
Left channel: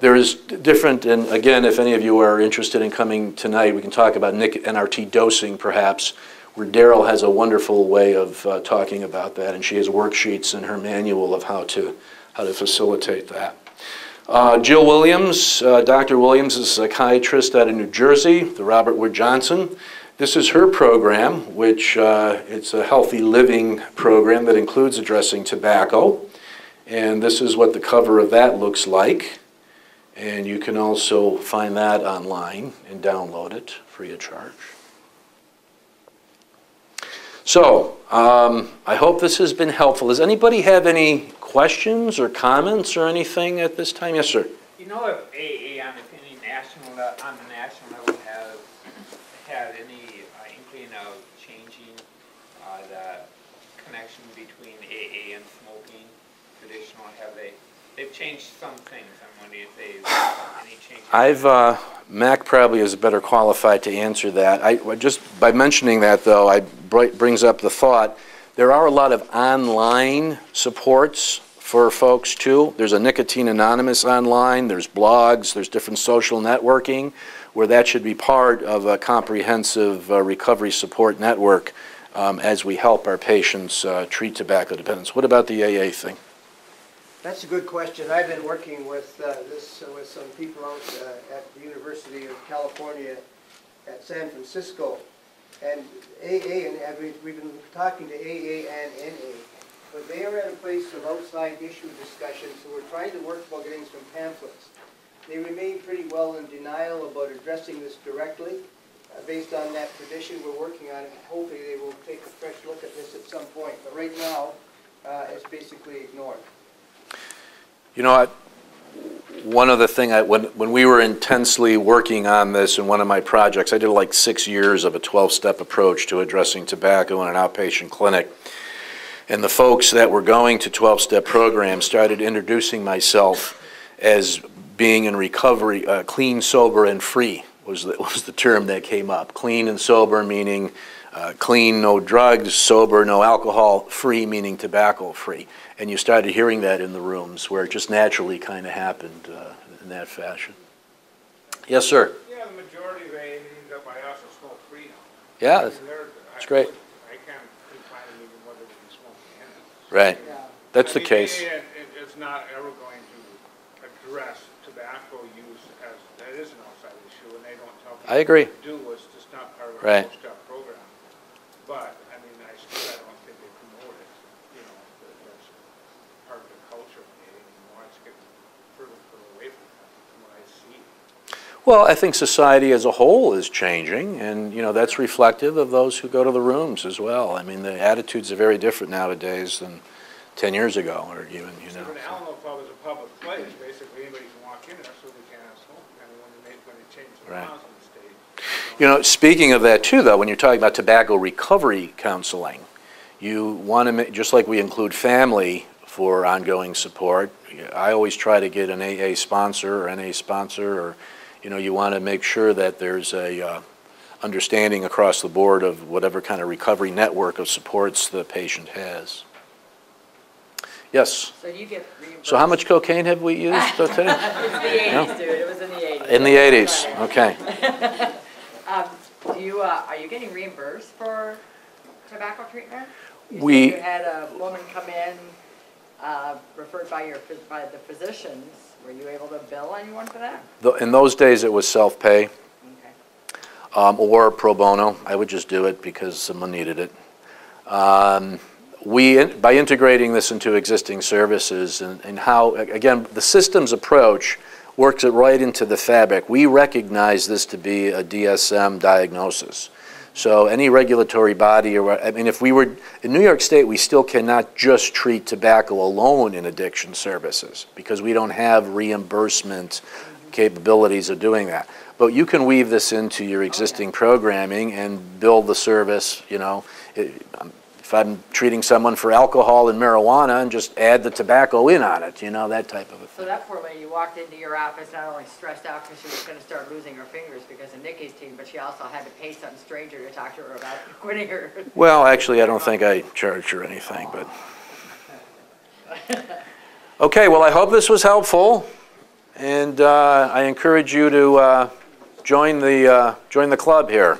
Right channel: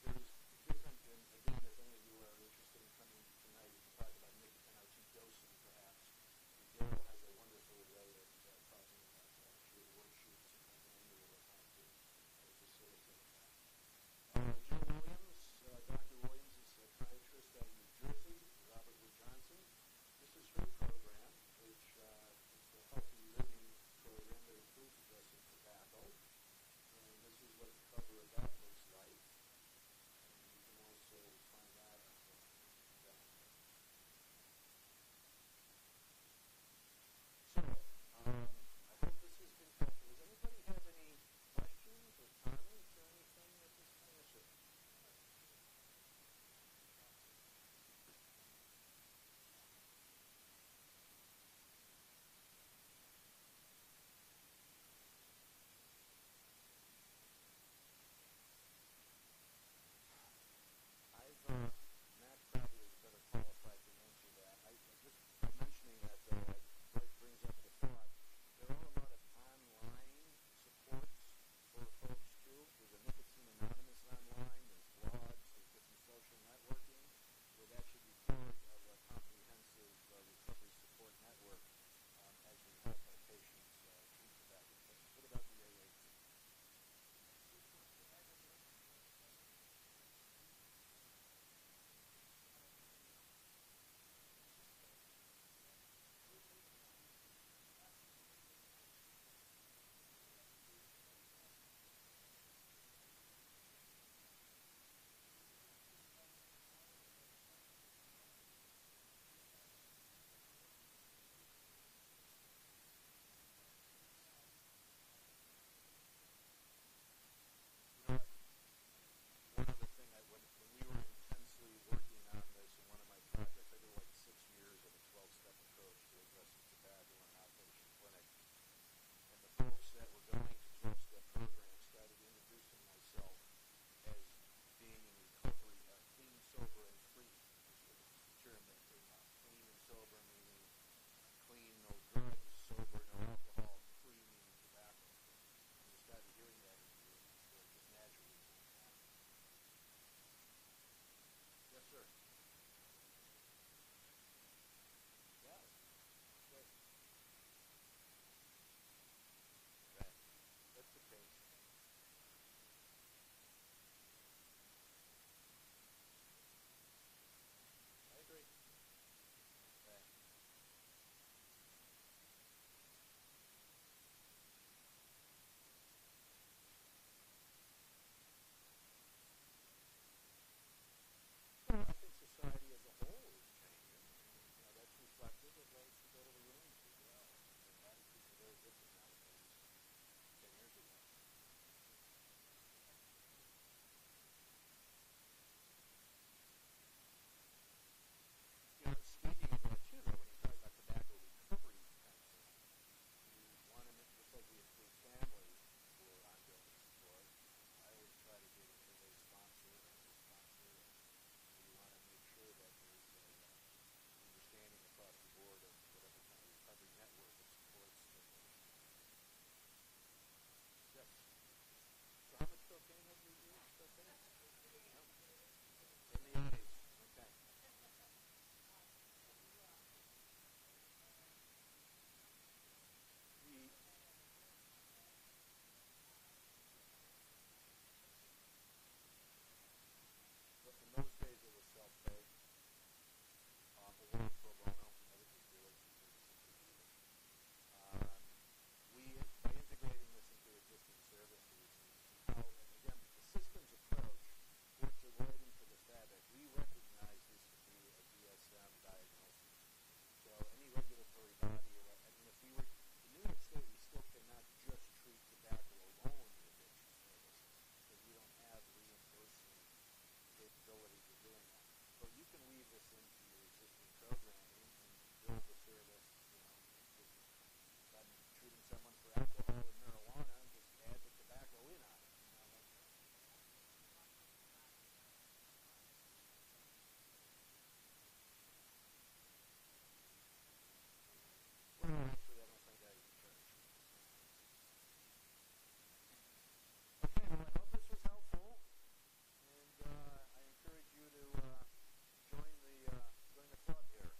There is different, and again, if any of you are interested in coming tonight, we can talk about NRT dosing perhaps, where Daryl has a wonderful way of talking about that, and she has worksheets in her manual of how to facilitate that. Jill Williams, Dr. Williams is a psychiatrist out of New Jersey, the Robert Wood Johnson. This is her program, which it's a healthy living program that includes addressing tobacco. And this is what the cover of that looks like. And you can also find that online and download it free of charge. So, I hope this has been helpful. Does anybody have any questions or comments or anything at this time? Yes, sir. You know if AA on the national level have had any inkling of changing the connection between AA and smoking? Traditional, they've changed some things. I'm wondering if they've any changes. Mac probably is better qualified to answer that. Just by mentioning that, though, brings up the thought, there are a lot of online supports for folks, too. There's a Nicotine Anonymous online, there's blogs, there's different social networking where that should be part of a comprehensive recovery support network as we help our patients treat tobacco dependence. What about the AA thing? That's a good question. I've been working with with some people out at the University of California at San Francisco, and AA, and we've been talking to AA and NA, but they are at a place of outside issue discussion, so we're trying to work about getting some pamphlets. They remain pretty well in denial about addressing this directly. Based on that tradition we're working on, hopefully they will take a fresh look at this at some point, but right now it's basically ignored. You know what? One other thing, when we were intensely working on this in one of my projects, I did like 6 years of a 12-step approach to addressing tobacco in an outpatient clinic. And the folks that were going to 12-step programs started introducing myself as being in recovery, clean, sober, and free was the term that came up. Clean and sober meaning clean, no drugs, sober, no alcohol, free meaning tobacco free. And you started hearing that in the rooms where it just naturally kind of happened in that fashion. Yes, sir? Yeah, the majority of AAs up by us are smoke-free now. Yeah, that's great. I can't find them even whether they can smoke in it. Right. That's the case. AA is not ever going to address tobacco use as that is an outside issue, and they don't tell people I agree. what to do. It's just not part of Right. our post-op program. But, I mean, I don't think they promote it. You know, that's part of the culture of AA anymore. It's getting further and further away from what I see. Well, I think society as a whole is changing, and you know that's reflective of those who go to the rooms as well. I mean, the attitudes are very different nowadays than 10 years ago, or even, you know. So an Alamo Club is a public place. Basically, anybody can walk in there, so they can't have smoke. And when they change the Right. laws in the state. You know, speaking of that too, though, when you're talking about tobacco recovery counseling, you want to, just like we include family for ongoing support, I always try to get an AA sponsor or NA sponsor, or, you know, you want to make sure that there's a understanding across the board of whatever kind of recovery network of supports the patient has. Yes? So you get reimbursed. So how much cocaine have we used today? It's the 80s, dude. It was in the 80s. In the 80s, okay. Are you getting reimbursed for tobacco treatment? You We- said you had a woman come in, referred by the physicians. Were you able to bill anyone for that? In those days, it was self-pay. Okay. Or pro bono. I would just do it because someone needed it. By integrating this into existing services and how, again, the systems approach works it right into the fabric. We recognize this to be a DSM diagnosis. So any regulatory body, I mean, if we were, in New York State, we still cannot just treat tobacco alone in addiction services because we don't have reimbursement capabilities of doing that. But you can weave this into your existing programming and build the service, you know. If I'm treating someone for alcohol and marijuana and just add the tobacco in on it, you know, that type of a thing. So that poor lady walked into your office not only stressed out because she was going to start losing her fingers because of nicotine, but she also had to pay some stranger to talk to her about quitting her. Well, actually, I don't think I charged her anything, but. Okay, well, I hope this was helpful, and I encourage you to join the club here.